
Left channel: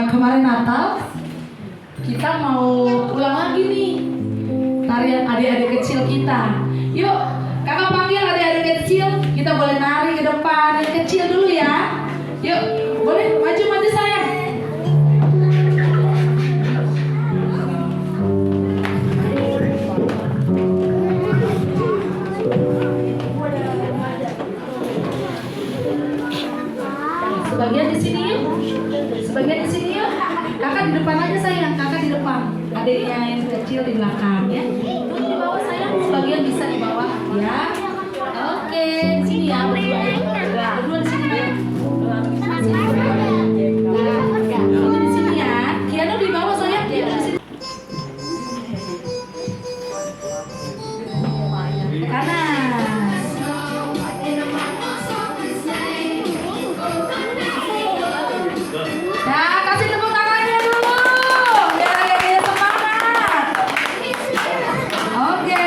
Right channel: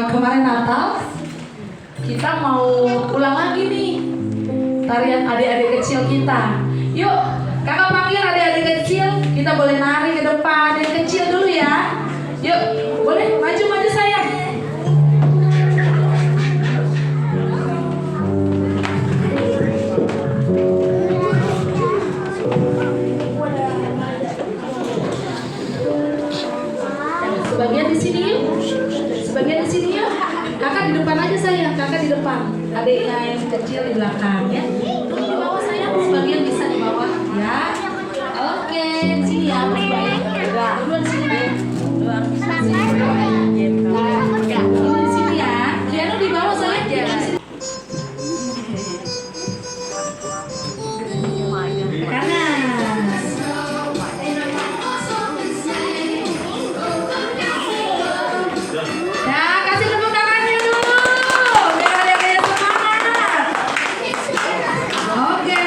kemarin Natal kita mau ulang lagi nih tarian adik-adik kecil kita. Yuk, kakak panggil adik-adik kecil. Kita boleh nari ke depan, adik kecil dulu ya. Yuk, boleh maju sayang. Sebagian di sini yuk. Sebagian di sini yuk. Kakak di depan aja sayang, kakak di depan. Adiknya yang kecil di belakang ya. Tuh di bawah sayang, sebagian bisa di bawah ya. Oke, di sini ya, berdua ya. Berdua di sini ya. Di sini ya. Kiano di bawah sayang, di sini. Ke kanan. Nah, kasih tepuk tangannya dulu. Biar ada semangat. Oke.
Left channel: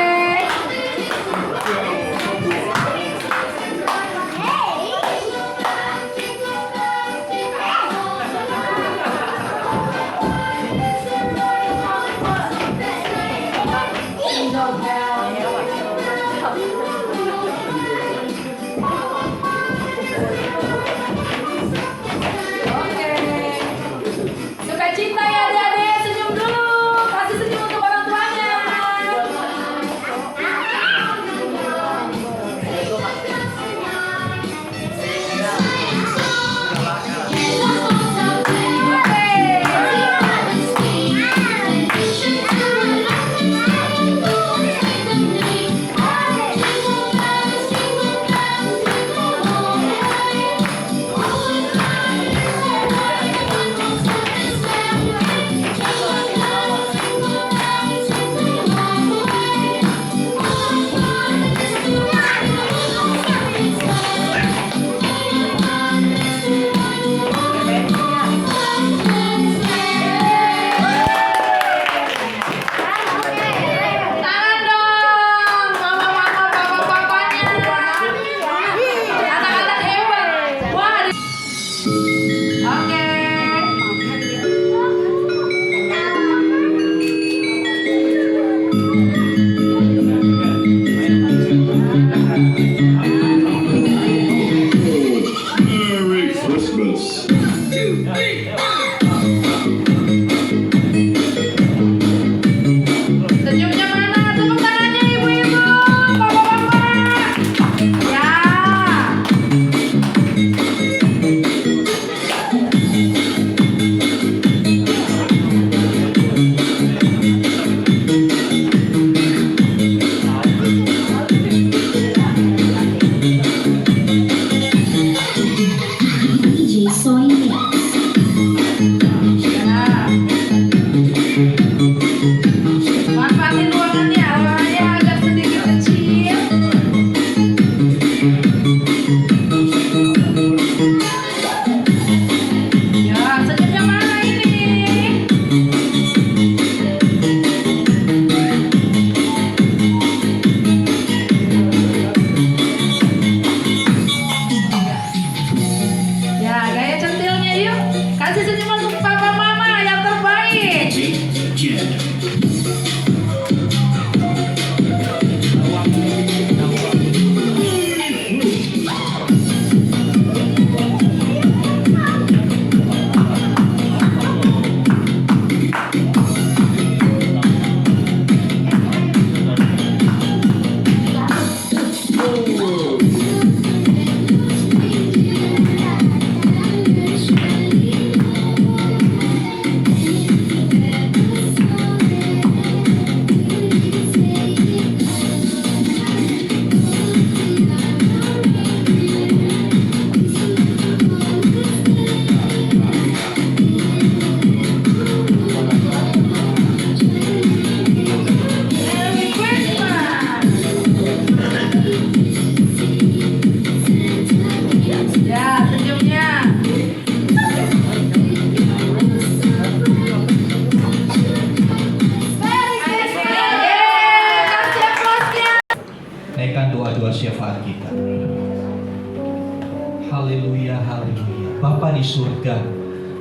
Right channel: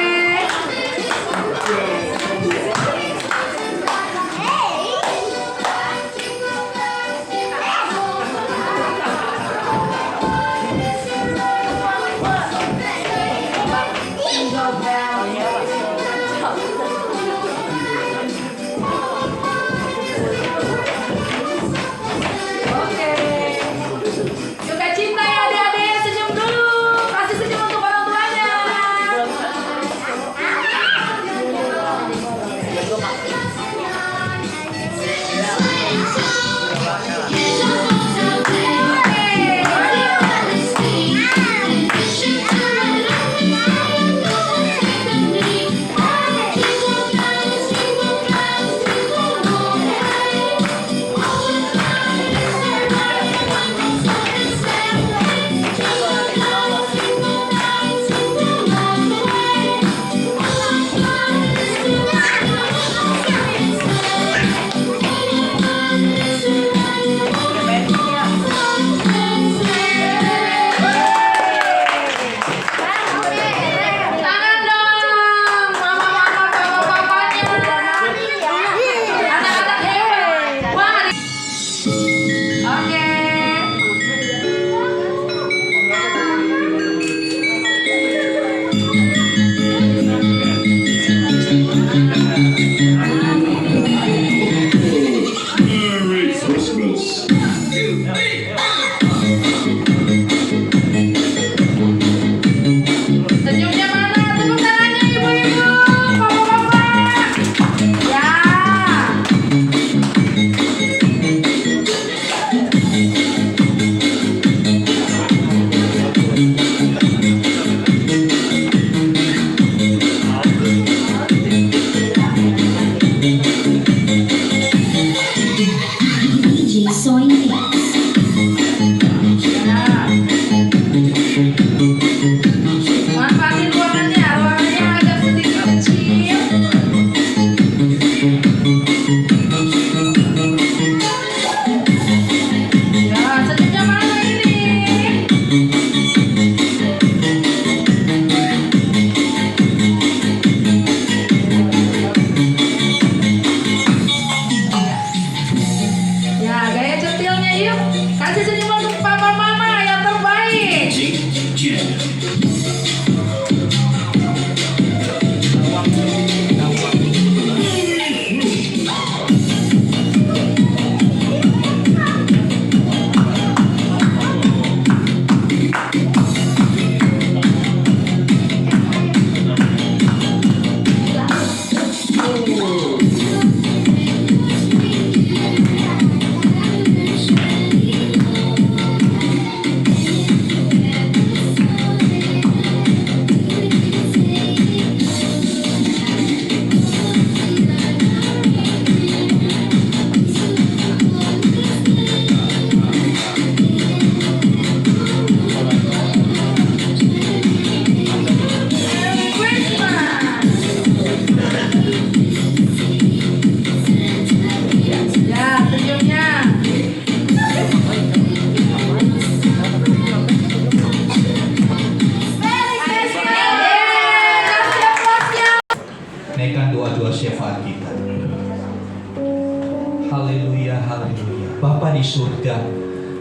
Haleluya, haleluya. Bapa di surga,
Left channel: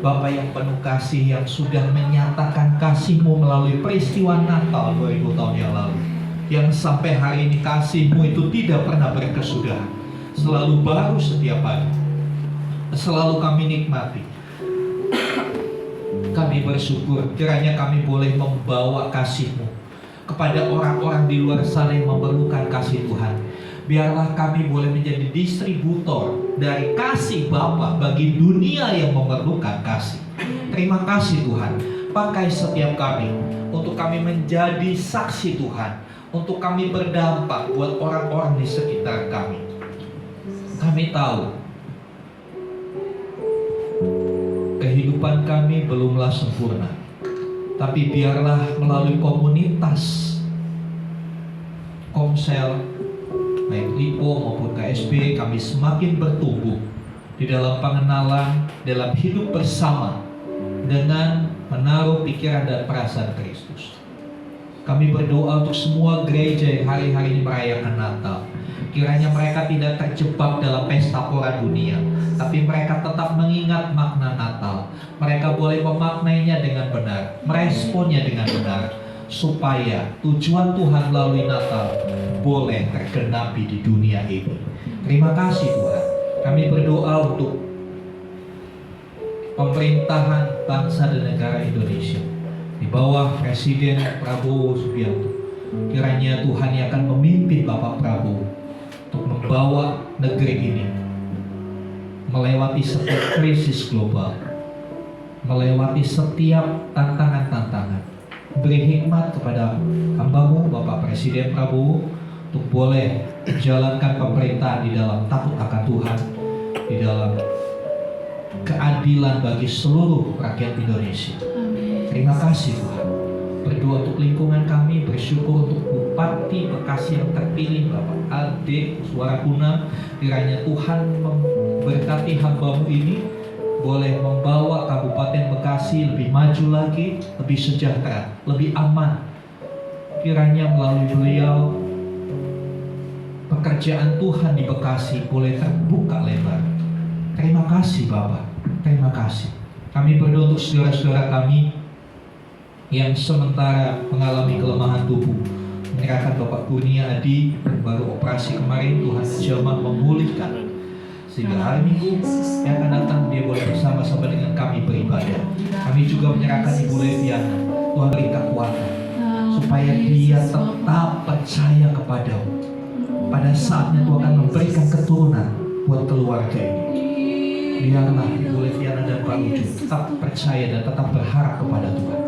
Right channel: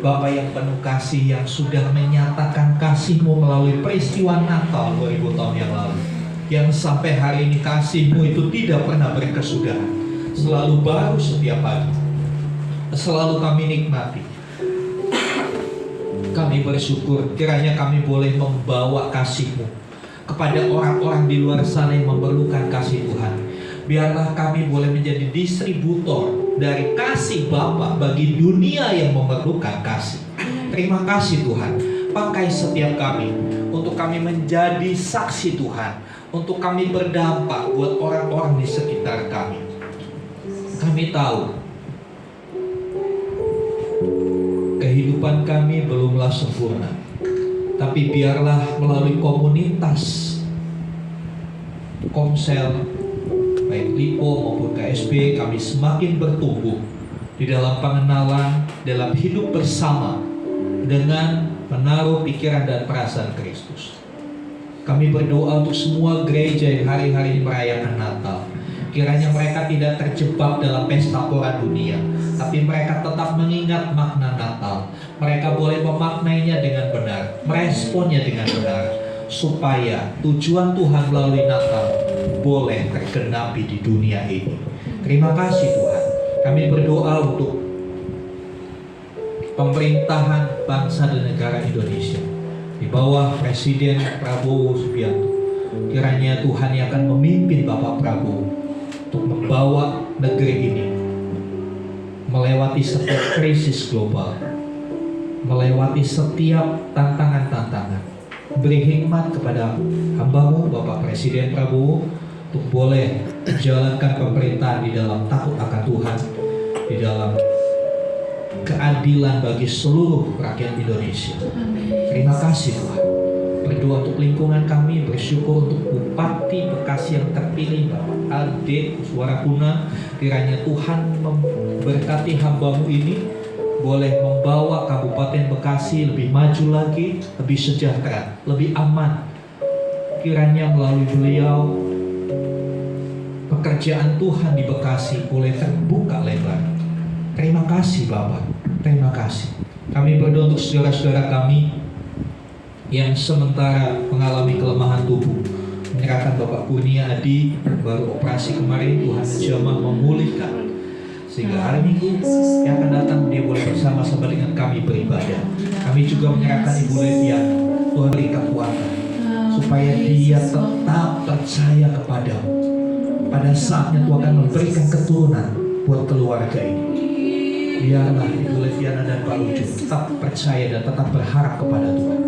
Bapa yang penuh kasih, yang sudah menyatakan kasih-Mu melalui peristiwa Natal 2000 tahun yang lalu, yang sampai hari ini kasih-Mu itu tidak pernah berkesudahan, selalu baru setiap pagi, selalu kami nikmati. Kami bersyukur kiranya kami boleh membawa kasih-Mu kepada orang-orang di luar sana yang memerlukan kasih Tuhan. Biarlah kami boleh menjadi distributor dari kasih Bapa bagi dunia yang memerlukan kasih. Terima kasih Tuhan. Pakai setiap kami untuk kami menjadi saksi Tuhan, untuk kami berdampak buat orang-orang di sekitar kami. Kami tahu kehidupan kami belumlah sempurna, tapi biarlah melalui komunitas Komsel, baik LIPO maupun KSB, kami semakin bertumbuh di dalam pengenalan, dalam hidup bersama dengan menaruh pikiran dan perasaan Kristus. Kami berdoa untuk semua gereja yang hari-hari ini merayakan Natal. Kiranya mereka tidak terjebak dalam pesta pora dunia, tapi mereka tetap mengingat makna Natal. Mereka boleh memaknainya dengan benar, meresponnya dengan benar, supaya tujuan Tuhan melalui Natal boleh tergenapi di dunia ini. Terima kasih Tuhan. Kami berdoa untuk pemerintahan bangsa dan negara Indonesia di bawah Presiden Prabowo Subianto. Kiranya Tuhan yang akan memimpin Bapak Prabowo untuk membawa negeri ini melewati setiap krisis global, melewati setiap tantangan-tantangan. Beri hikmat kepada hamba-Mu Bapak Presiden Prabowo untuk boleh menjalankan pemerintahan di dalam takut akan Tuhan, di dalam keadilan bagi seluruh rakyat Indonesia. Terima kasih Tuhan. Berdoa untuk lingkungan kami, bersyukur untuk Bupati Bekasi yang terpilih Bapak Ade Suaraguna. Kiranya Tuhan memberkati hamba-Mu ini, boleh membawa Kabupaten Bekasi lebih maju lagi, lebih sejahtera, lebih aman. Kiranya melalui beliau pekerjaan Tuhan di Bekasi boleh terbuka lebar. Terima kasih Bapak, terima kasih. Kami berdoa untuk saudara-saudara kami yang sementara mengalami kelemahan tubuh, menyerahkan Bapak Kurnia Adi baru operasi kemarin. Tuhan menjamah memulihkan, sehingga hari Minggu yang akan datang dia boleh bersama-sama dengan kami beribadah. Kami juga menyerahkan Ibu Leviana, Tuhan beri kekuatan supaya dia tetap percaya kepadamu. Pada saatnya Tuhan akan memberikan keturunan buat keluarga ini. Biarlah Ibu Leviana dan Pak Uju tetap percaya dan tetap berharap kepada Tuhan.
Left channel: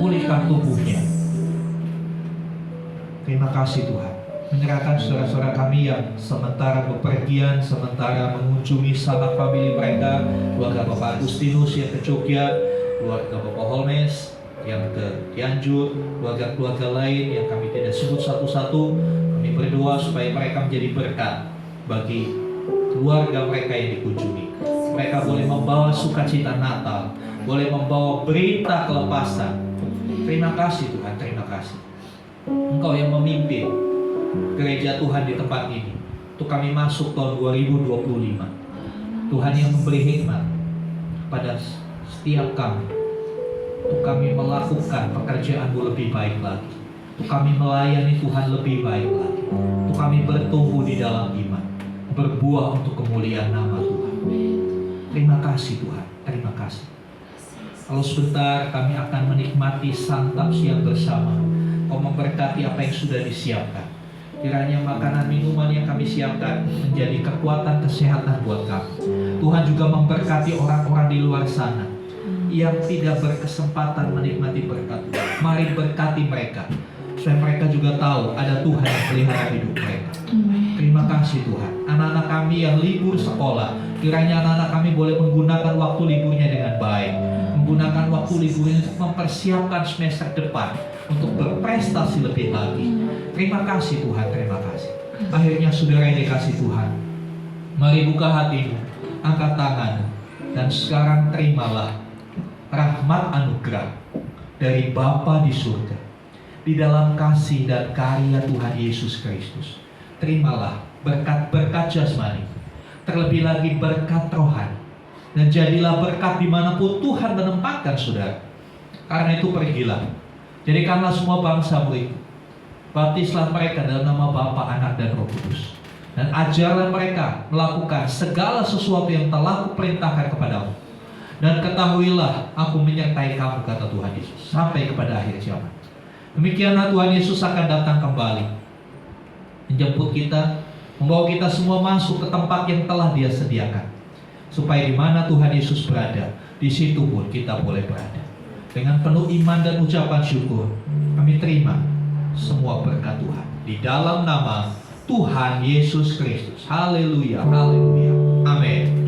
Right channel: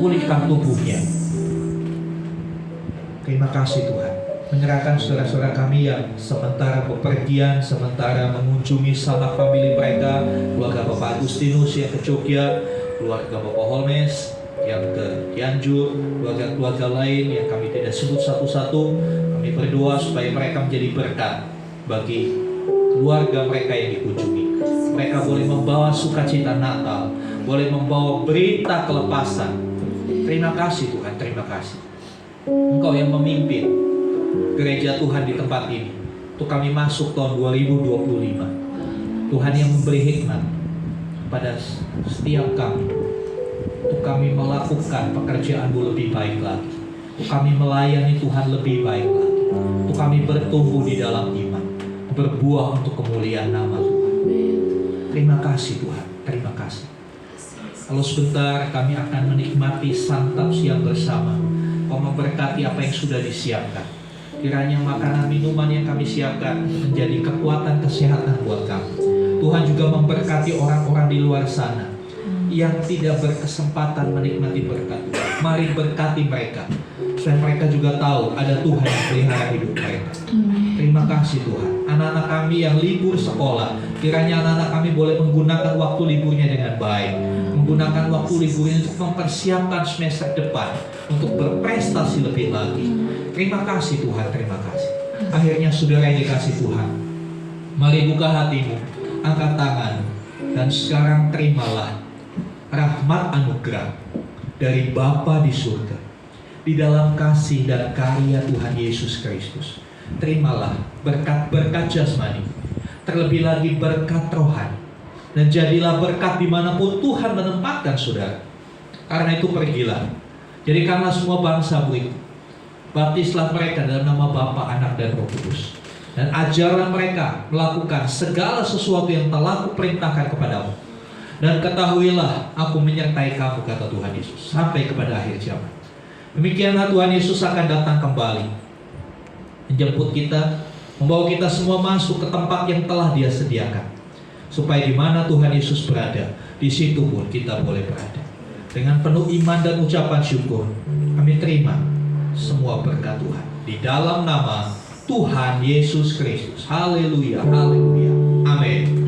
Pulihkan tubuhnya. Terima kasih Tuhan. Menyerahkan saudara-saudara kami yang sementara bepergian, sementara mengunjungi sanak famili mereka, keluarga Bapak Agustinus yang ke Jogja, keluarga Bapak Holmes yang ke Cianjur, keluarga-keluarga lain yang kami tidak sebut satu-satu. Kami berdoa supaya mereka menjadi berkat bagi keluarga mereka yang dikunjungi. Mereka boleh membawa sukacita Natal, boleh membawa berita kelepasan. Terima kasih Tuhan, terima kasih. Engkau yang memimpin gereja Tuhan di tempat ini untuk kami masuk tahun 2025. Tuhan yang memberi hikmat pada setiap kami untuk kami melakukan pekerjaan-Mu lebih baik lagi, untuk kami melayani Tuhan lebih baik lagi, untuk kami bertumbuh di dalam iman, berbuah untuk kemuliaan nama Tuhan. Terima kasih Tuhan, terima kasih. Kalau sebentar kami akan menikmati santap siang bersama, Kau memberkati apa yang sudah disiapkan. Kiranya makanan minuman yang kami siapkan menjadi kekuatan kesehatan buat kami. Tuhan juga memberkati orang-orang di luar sana yang tidak berkesempatan menikmati berkat Tuhan. Mari berkati mereka, supaya mereka juga tahu ada Tuhan yang pelihara hidup mereka. Terima kasih Tuhan. Anak-anak kami yang libur sekolah, kiranya anak-anak kami boleh menggunakan waktu liburnya dengan baik, menggunakan waktu liburnya untuk mempersiapkan semester depan, untuk berprestasi lebih lagi. Terima kasih Tuhan, terima kasih. Akhirnya saudara yang dikasih Tuhan, mari buka hatimu, angkat tangan, dan sekarang terimalah rahmat anugerah dari Bapa di surga, di dalam kasih dan karya Tuhan Yesus Kristus. Terimalah berkat-berkat jasmani, terlebih lagi berkat rohani. Dan jadilah berkat dimanapun Tuhan menempatkan saudara. Karena itu pergilah, jadikanlah semua bangsa murid, baptislah mereka dalam nama Bapa, Anak, dan Roh Kudus, dan ajarlah mereka melakukan segala sesuatu yang telah kuperintahkan kepadamu. Dan ketahuilah, aku menyertai kamu, kata Tuhan Yesus, sampai kepada akhir zaman. Demikianlah Tuhan Yesus akan datang kembali, menjemput kita, membawa kita semua masuk ke tempat yang telah Dia sediakan, supaya di mana Tuhan Yesus berada, di situ pun kita boleh berada. Dengan penuh iman dan ucapan syukur, kami terima semua berkat Tuhan di dalam nama Tuhan Yesus Kristus. Haleluya, haleluya, amin.